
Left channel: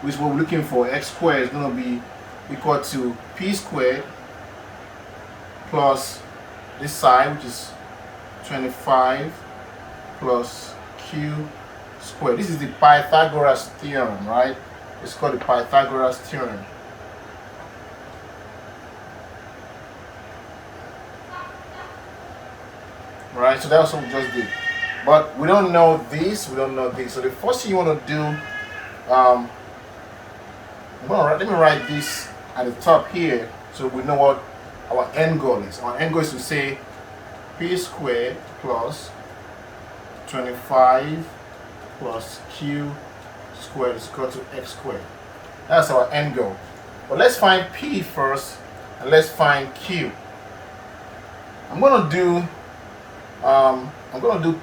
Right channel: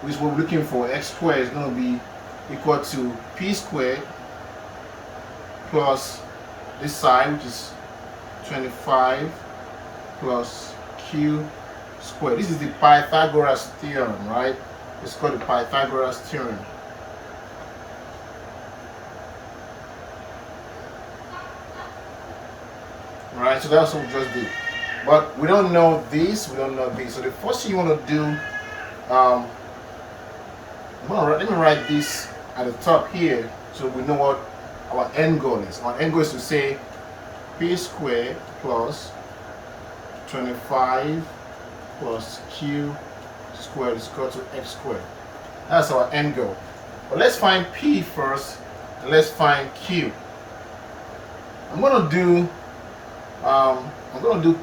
which we're looking for, x squared is going to be equal to p squared plus this side, which is 25 plus q squared. This is the Pythagoras theorem, right? It's called the Pythagoras theorem. Right, so that's what we just did. But we don't know this, we don't know this. So the first thing you want to do, let me write this at the top here so we know what our end goal is. Our end goal is to say p squared plus 25 plus q squared is equal to x squared. That's our end goal. But let's find p first and let's find q. I'm gonna do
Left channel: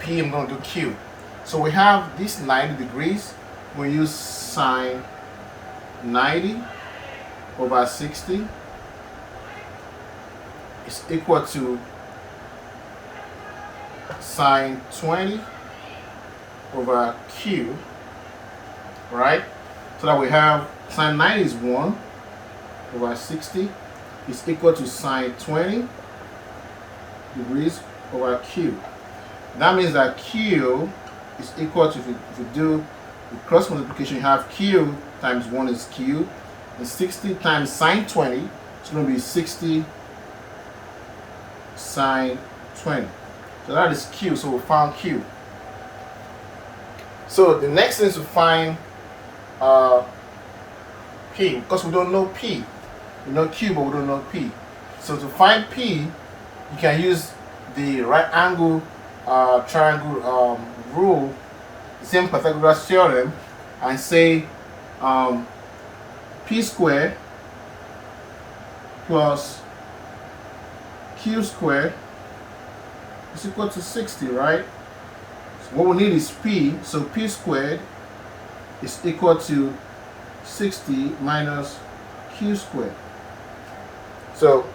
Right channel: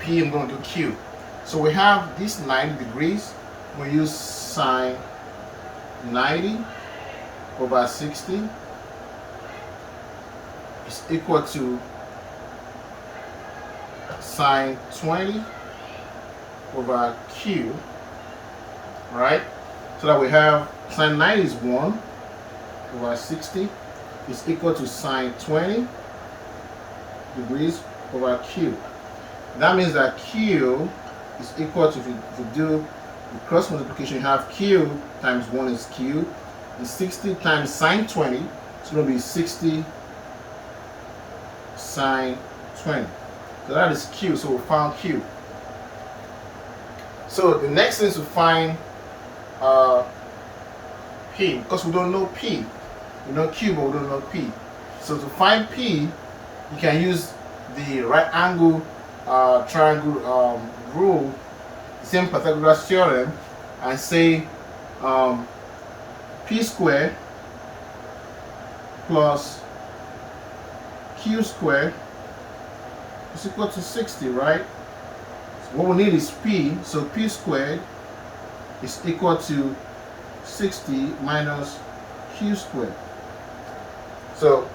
p, I'm gonna do q. So we have this 90 degrees. We use sine 90 over 60 is equal to sine 20 over q, right? So that we have sine 90 is 1 over 60 is equal to sine 20 degrees over q. That means that q is equal to, if you do the cross multiplication, you have q times 1 is q, and 60 times sine 20, it's going to be 60 sine 20. So that is q, so we found q. So the next thing is to find p, because we don't know p. We know q, but we don't know p. So to find p, you can use the right angle triangle rule, the same Pythagoras theorem, and say p squared plus q squared is equal to 60, right? So what we need is p, so p squared is equal to 60 minus q squared. So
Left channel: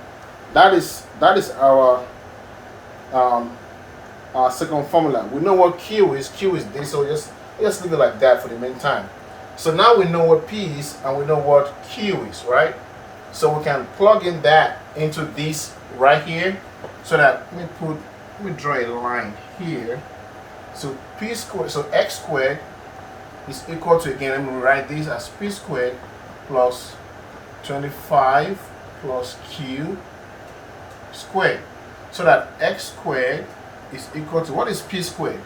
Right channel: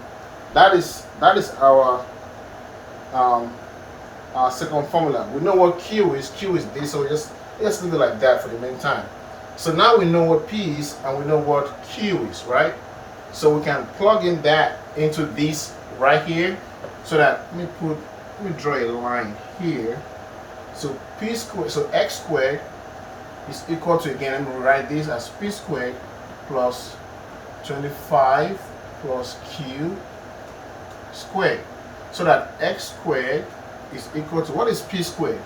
that is our second formula. We know what q is. Q is this, so just leave it like that for the meantime. So now we know what p is and we know what q is, right? So we can plug in that into this right here, so that let me draw a line here. So p squared, so x squared is equal to, again, let me write this as p squared plus 25 plus q squared, so that x squared is equal to, what is p squared?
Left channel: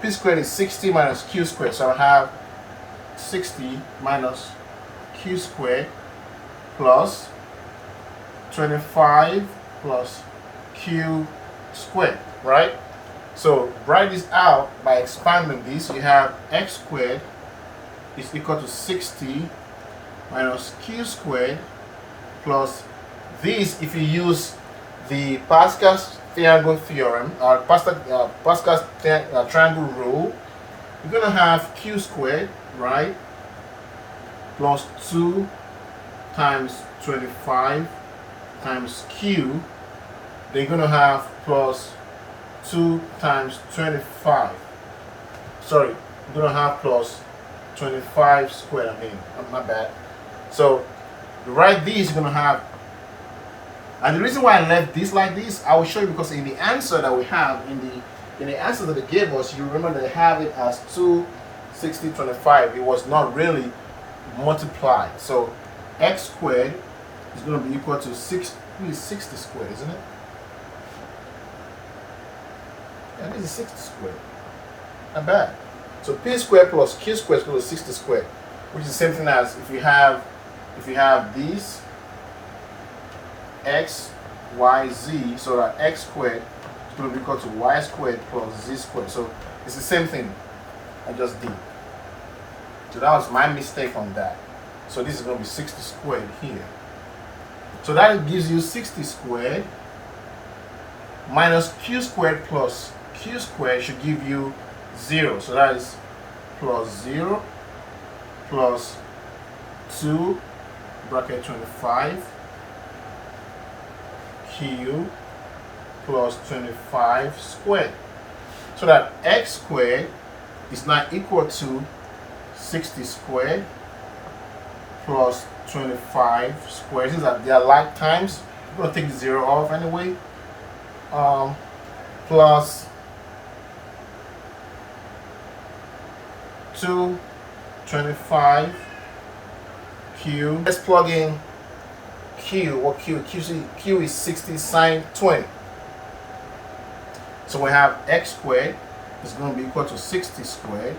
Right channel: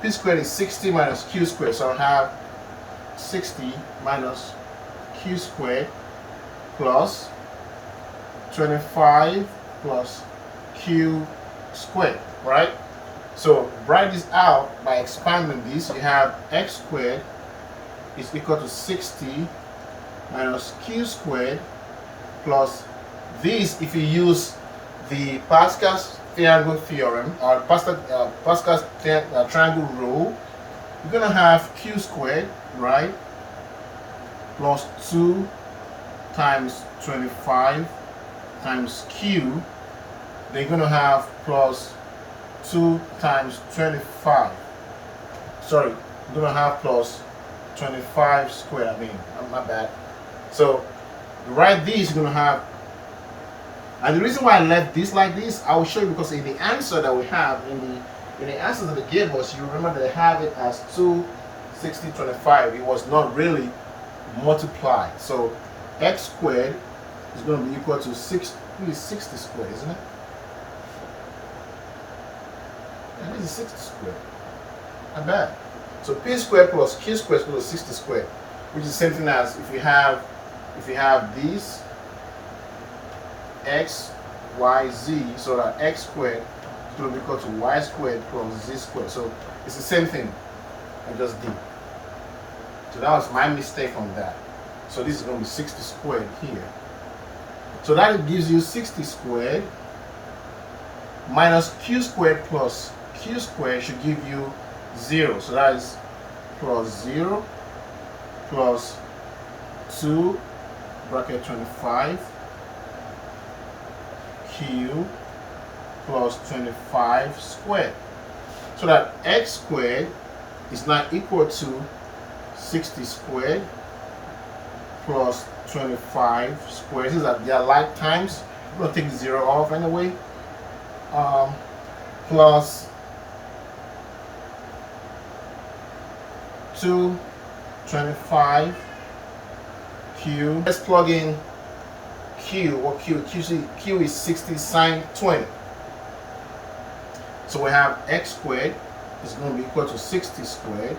P squared is 60 minus q squared, so I have 60 minus q squared plus 25 plus q squared, right? So write this out by expanding this. You have x squared is equal to 60 minus q squared plus this, if you use the Pascal's triangle theorem, or Pascal's triangle rule, you're going to have q squared, right, plus 2 times 25 times q. They're going to have plus 2 times 25. Sorry, you're going to have plus 25 squared. I mean, my bad. So to write these, you're going to have, and the reason why I left this like this, I will show you, because in the answer that we have, in the answer that they gave us, you remember they have it as 2, 60, 25. It was not really multiplied. So x squared is going to be equal to 60 squared, isn't it? Yeah, this is 60 squared. Not bad. So p squared plus q squared is equal to 60 squared, which is the same thing as if you have these x, y, z, so that x squared is going to be equal to y squared plus z squared. So it's the same thing I just did. So that was my mistake on that. So this is going to be 60 squared here. So that gives you 60 squared minus q squared plus q squared should give you 0. So that is plus 0 plus 2 bracket 25 q plus 25 squared. So that x squared is now equal to 60 squared plus 25 squared. These are their like times. I'm going to take 0 off anyway. Plus 225 q. Let's plug in q. What q? Q is 60 sine 20. So we have x squared is going to be equal to 60 squared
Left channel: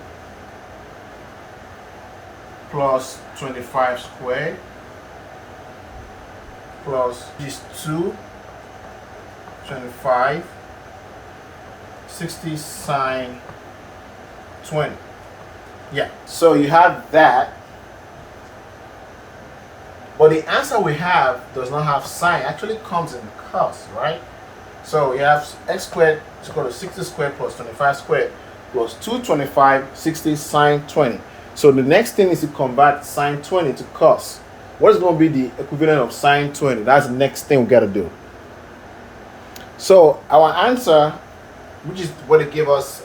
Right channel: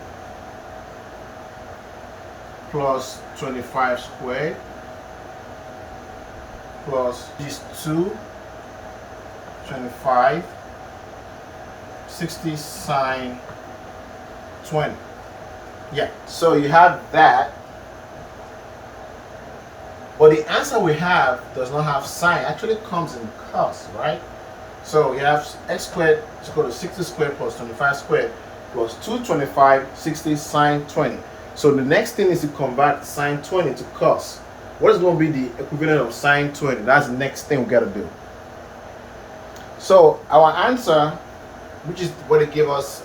plus 25 squared plus these 2, 25, 60 sine 20. Yeah, so you have that. But the answer we have does not have sine. It actually comes in cos, right? So you have x squared is equal to 60 squared plus 25 squared plus 225, 60 sine 20. So the next thing is to convert sine 20 to cos. What is going to be the equivalent of sine 20? That's the next thing we got to do. So our answer, which is what they give us,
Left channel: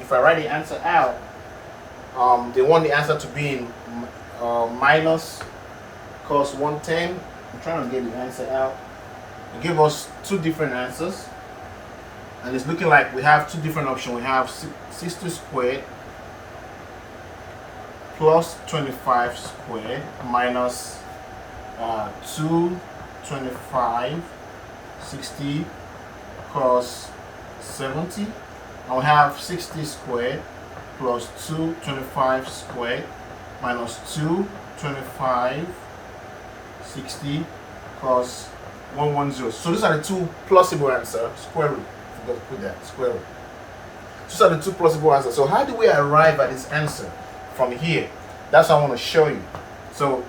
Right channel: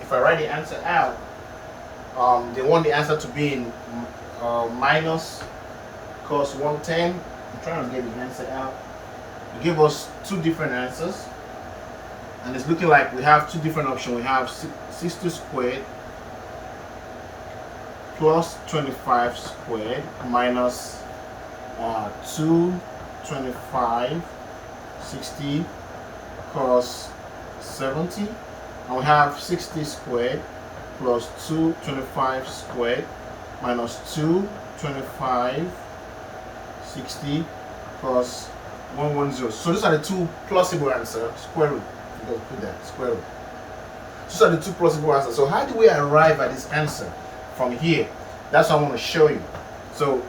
if I write the answer out, they want the answer to be in minus cos 110. I'm trying to get the answer out. They give us two different answers, and it's looking like we have two different options. We have 60 squared plus 25 squared minus 225 60 cos 70, and we have 60 squared plus 225 squared minus 225 60 cos 110. So these are the two plausible answers. Square root. I'm going to put that square root. These are the two plausible answers. So how do we arrive at this answer from here? That's what I want to show you. So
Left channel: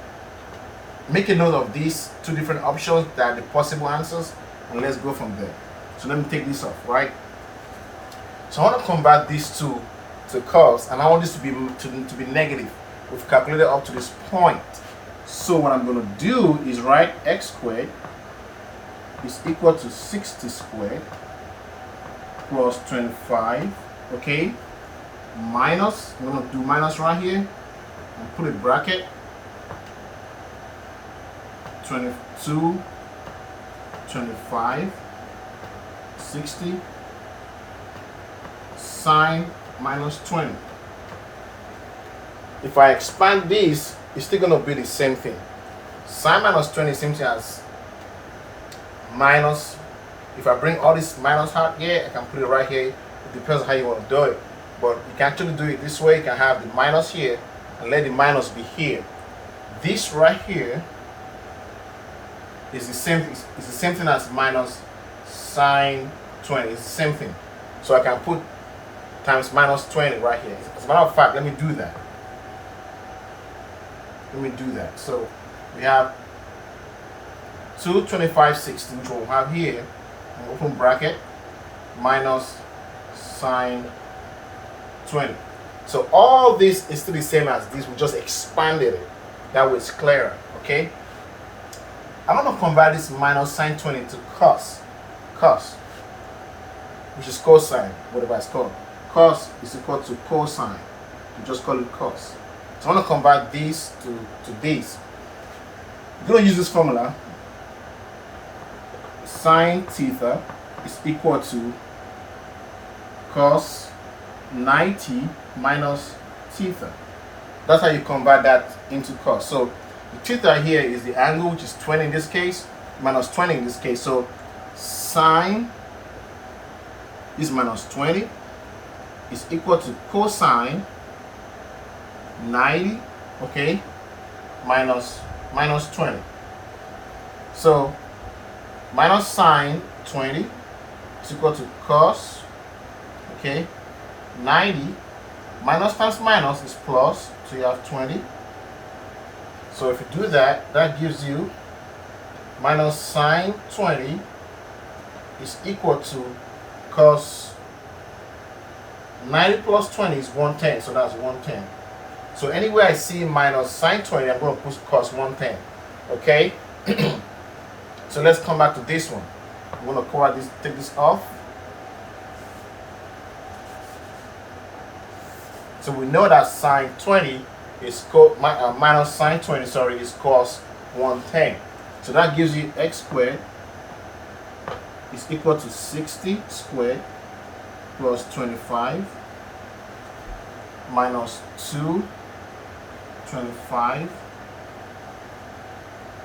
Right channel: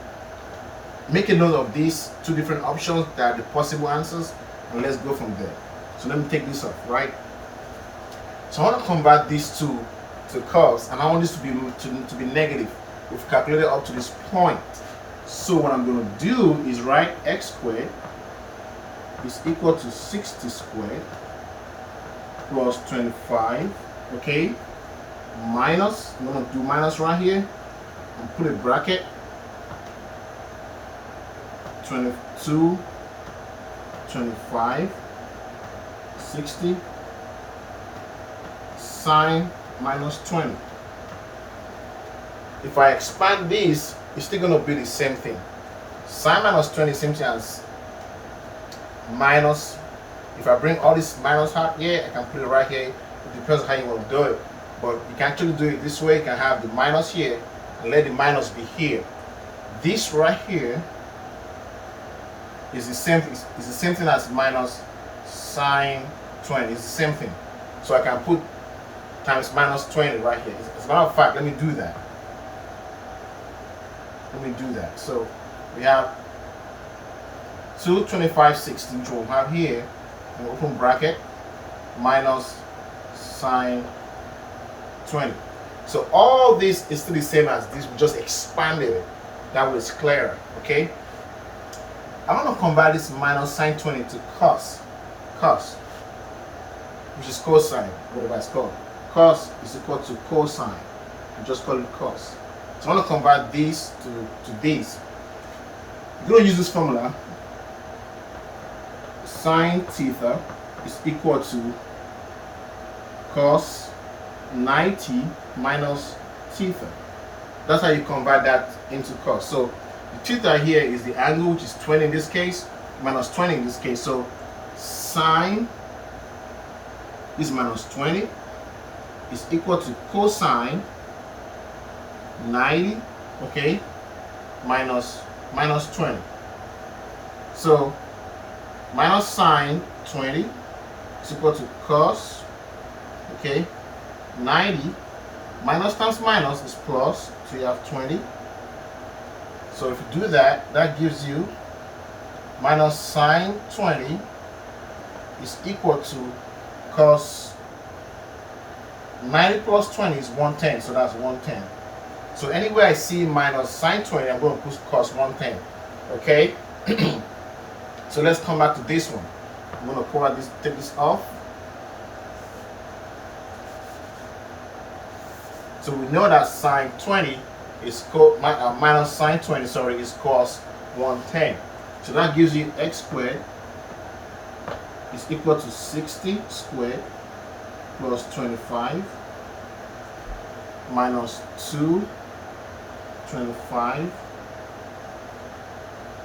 make a note of these two different options that are the possible answers, and let's go from there. So let me take this off, right? So I want to convert these two to cos, and I want this to be negative. We've calculated up to this point. So what I'm going to do is write x squared is equal to 60 squared plus 25, okay? Minus, I'm going to do minus right here and put a bracket. 22, 25, 60, sine minus 20. If I expand this, it's still going to be the same thing. Sine minus 20 same thing as minus. If I bring all this minus out here, I can put it right here. It depends on how you want to do it. But you can actually do it this way. You can have the minus here and let the minus be here. This right here is the same thing as minus sine 20. It's the same thing. So I can put times minus 20 right here. As a matter of fact, let me do that. So we have 2 25 60, which we'll have here, and open bracket, minus sine 20. So all this is still the same as this. We just expanded it. That way it's clearer, okay? I'm going to convert this minus sine 20 to cos, which is cosine, whatever it's called. Cos is equal to cosine. We just call it cos. So I'm going to convert this to this. I'm going to use this formula. Sine theta is equal to cos 90 minus theta. That's how you convert that into cos. So the theta here is the angle, which is 20 in this case, minus 20 in this case. So sine is minus 20 is equal to cosine 90, okay, minus 20. So minus sine 20 is equal to cos, okay, 90 minus times minus is plus, so you have 20. So if you do that, that gives you minus sine 20 is equal to cos 90 plus 20 is 110, so that's 110. So anywhere I see minus sine 20, I'm going to put cos 110, okay? So let's come back to this one. I'm going to cover this, take this off. So we know that sine 20 is minus sine 20, sorry, is cos 110. So that gives you x squared is equal to 60 squared plus 25 minus 2, 25,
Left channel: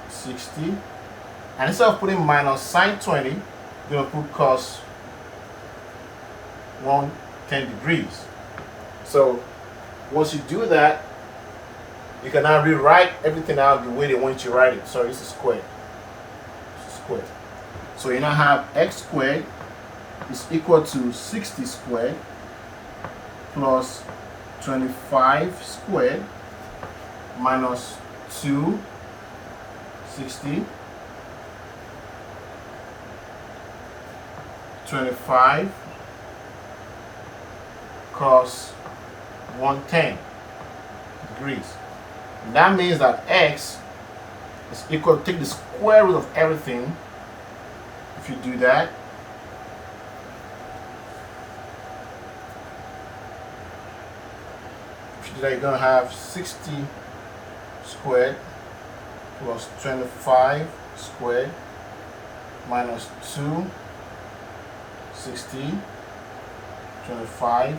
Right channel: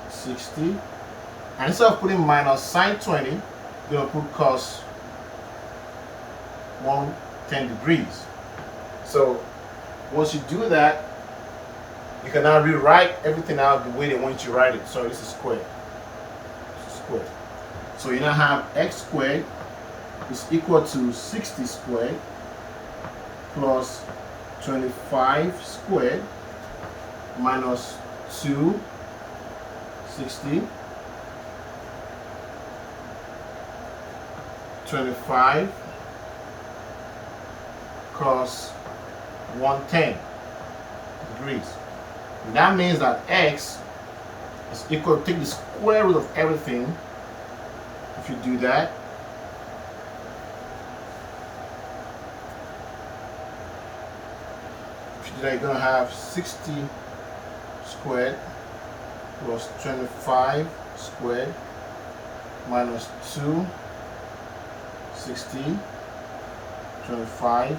60. And instead of putting minus sine 20, we're going to put cos 110 degrees. So once you do that, you can now rewrite everything out the way they want you to write it. So this is squared. So you now have x squared is equal to 60 squared plus 25 squared minus 2, 60, 25 cos 110 degrees. And that means that x is equal to, take the square root of everything. If you do that, you're going to have 60 squared plus 25 squared minus 2, 60, 25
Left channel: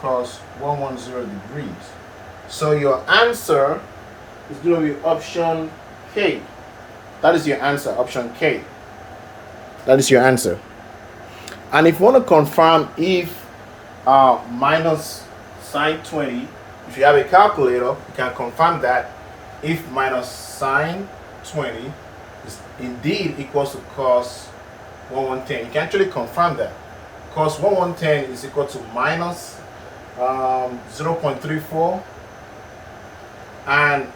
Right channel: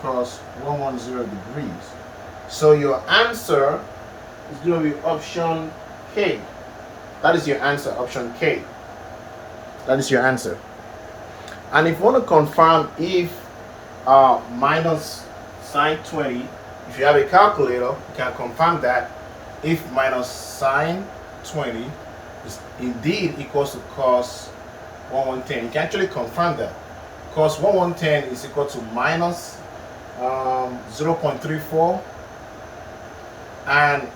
cos 110 degrees. So your answer is going to be option K. That is your answer, option K. That is your answer. And if you want to confirm if minus sine 20, if you have a calculator, you can confirm that if minus sine 20 is indeed equals to cos 110. You can actually confirm that. Cos 110 is equal to minus 0.34, and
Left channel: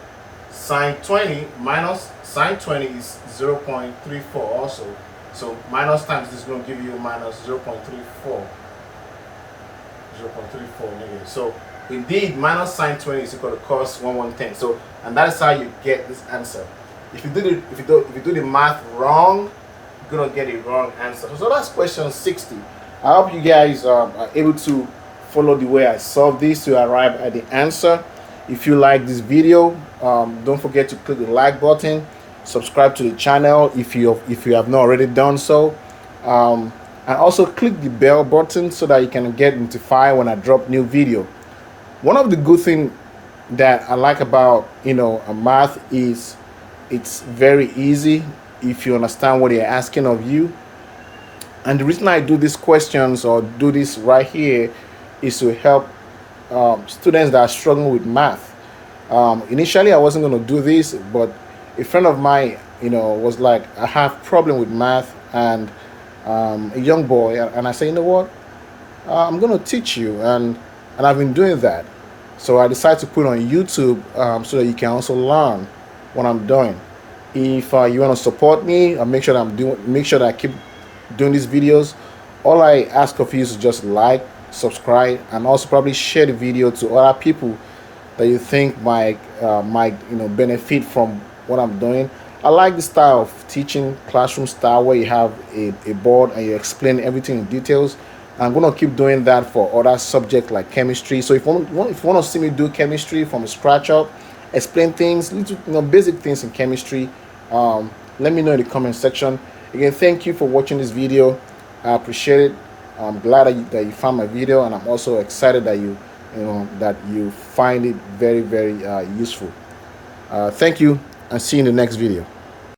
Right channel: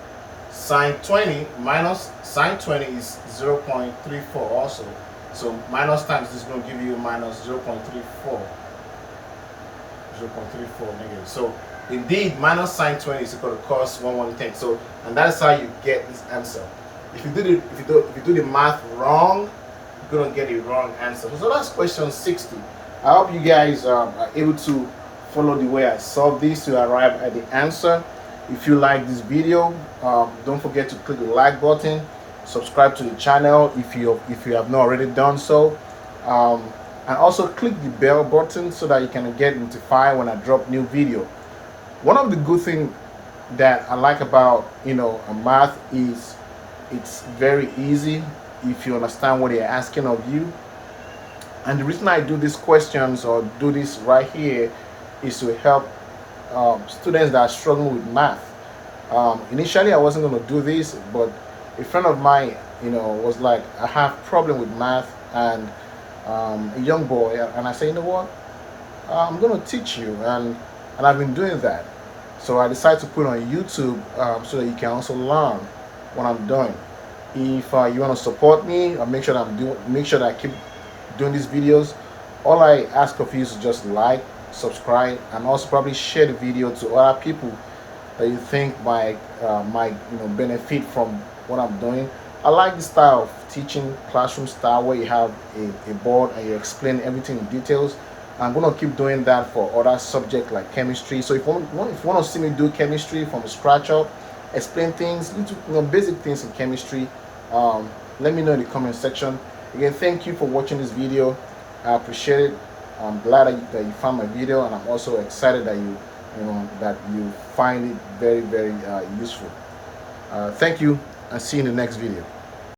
Sine 20 minus sine 20 is 0.34 also. So minus times this is going to give you minus 0.34. 0.34 negative. So indeed, minus sine 20 is equal to cos 1/10. So, and that is how you get this answer. If you do the math wrong, you're gonna get a wrong answer. So that's question 60. I hope you guys are able to follow the way I solved this to arrive at the answer. If you like this video, don't forget to click the like button, subscribe to the channel if you have not already done so, and also click the bell button so that you can get notified when I drop new video. One of the good things that I like about math is it's very easy if you understand what they're asking of you. And the reason I do these questions or do this right here is to help students that are struggling with math. Initially I wasn't going to do this, but a friend of mine was like, I have problem with math, and a young boy, and I say, you know what, I'm going to teach you, and I've been doing that. So I decided to put it on YouTube so that you can also learn what I'm doing. If you want to support me, or make sure that I keep doing these videos, all I ask of you is to just like, subscribe, and also probably share the video to other people that you think might benefit from what I'm doing. I like the style of teaching, classroom style, where you have a board and you explain everything in details. I'm gonna keep doing that for other subjects like chemistry. So if you want to see me do chemistry from scratch up, explain things, little basic things in chemistry, let me know in the comment section. Again, thank you for watching this video. I appreciate it. I'm glad that you found my video, and I'm also excited that you find it very, very useful. Thank you, and see you in the next video.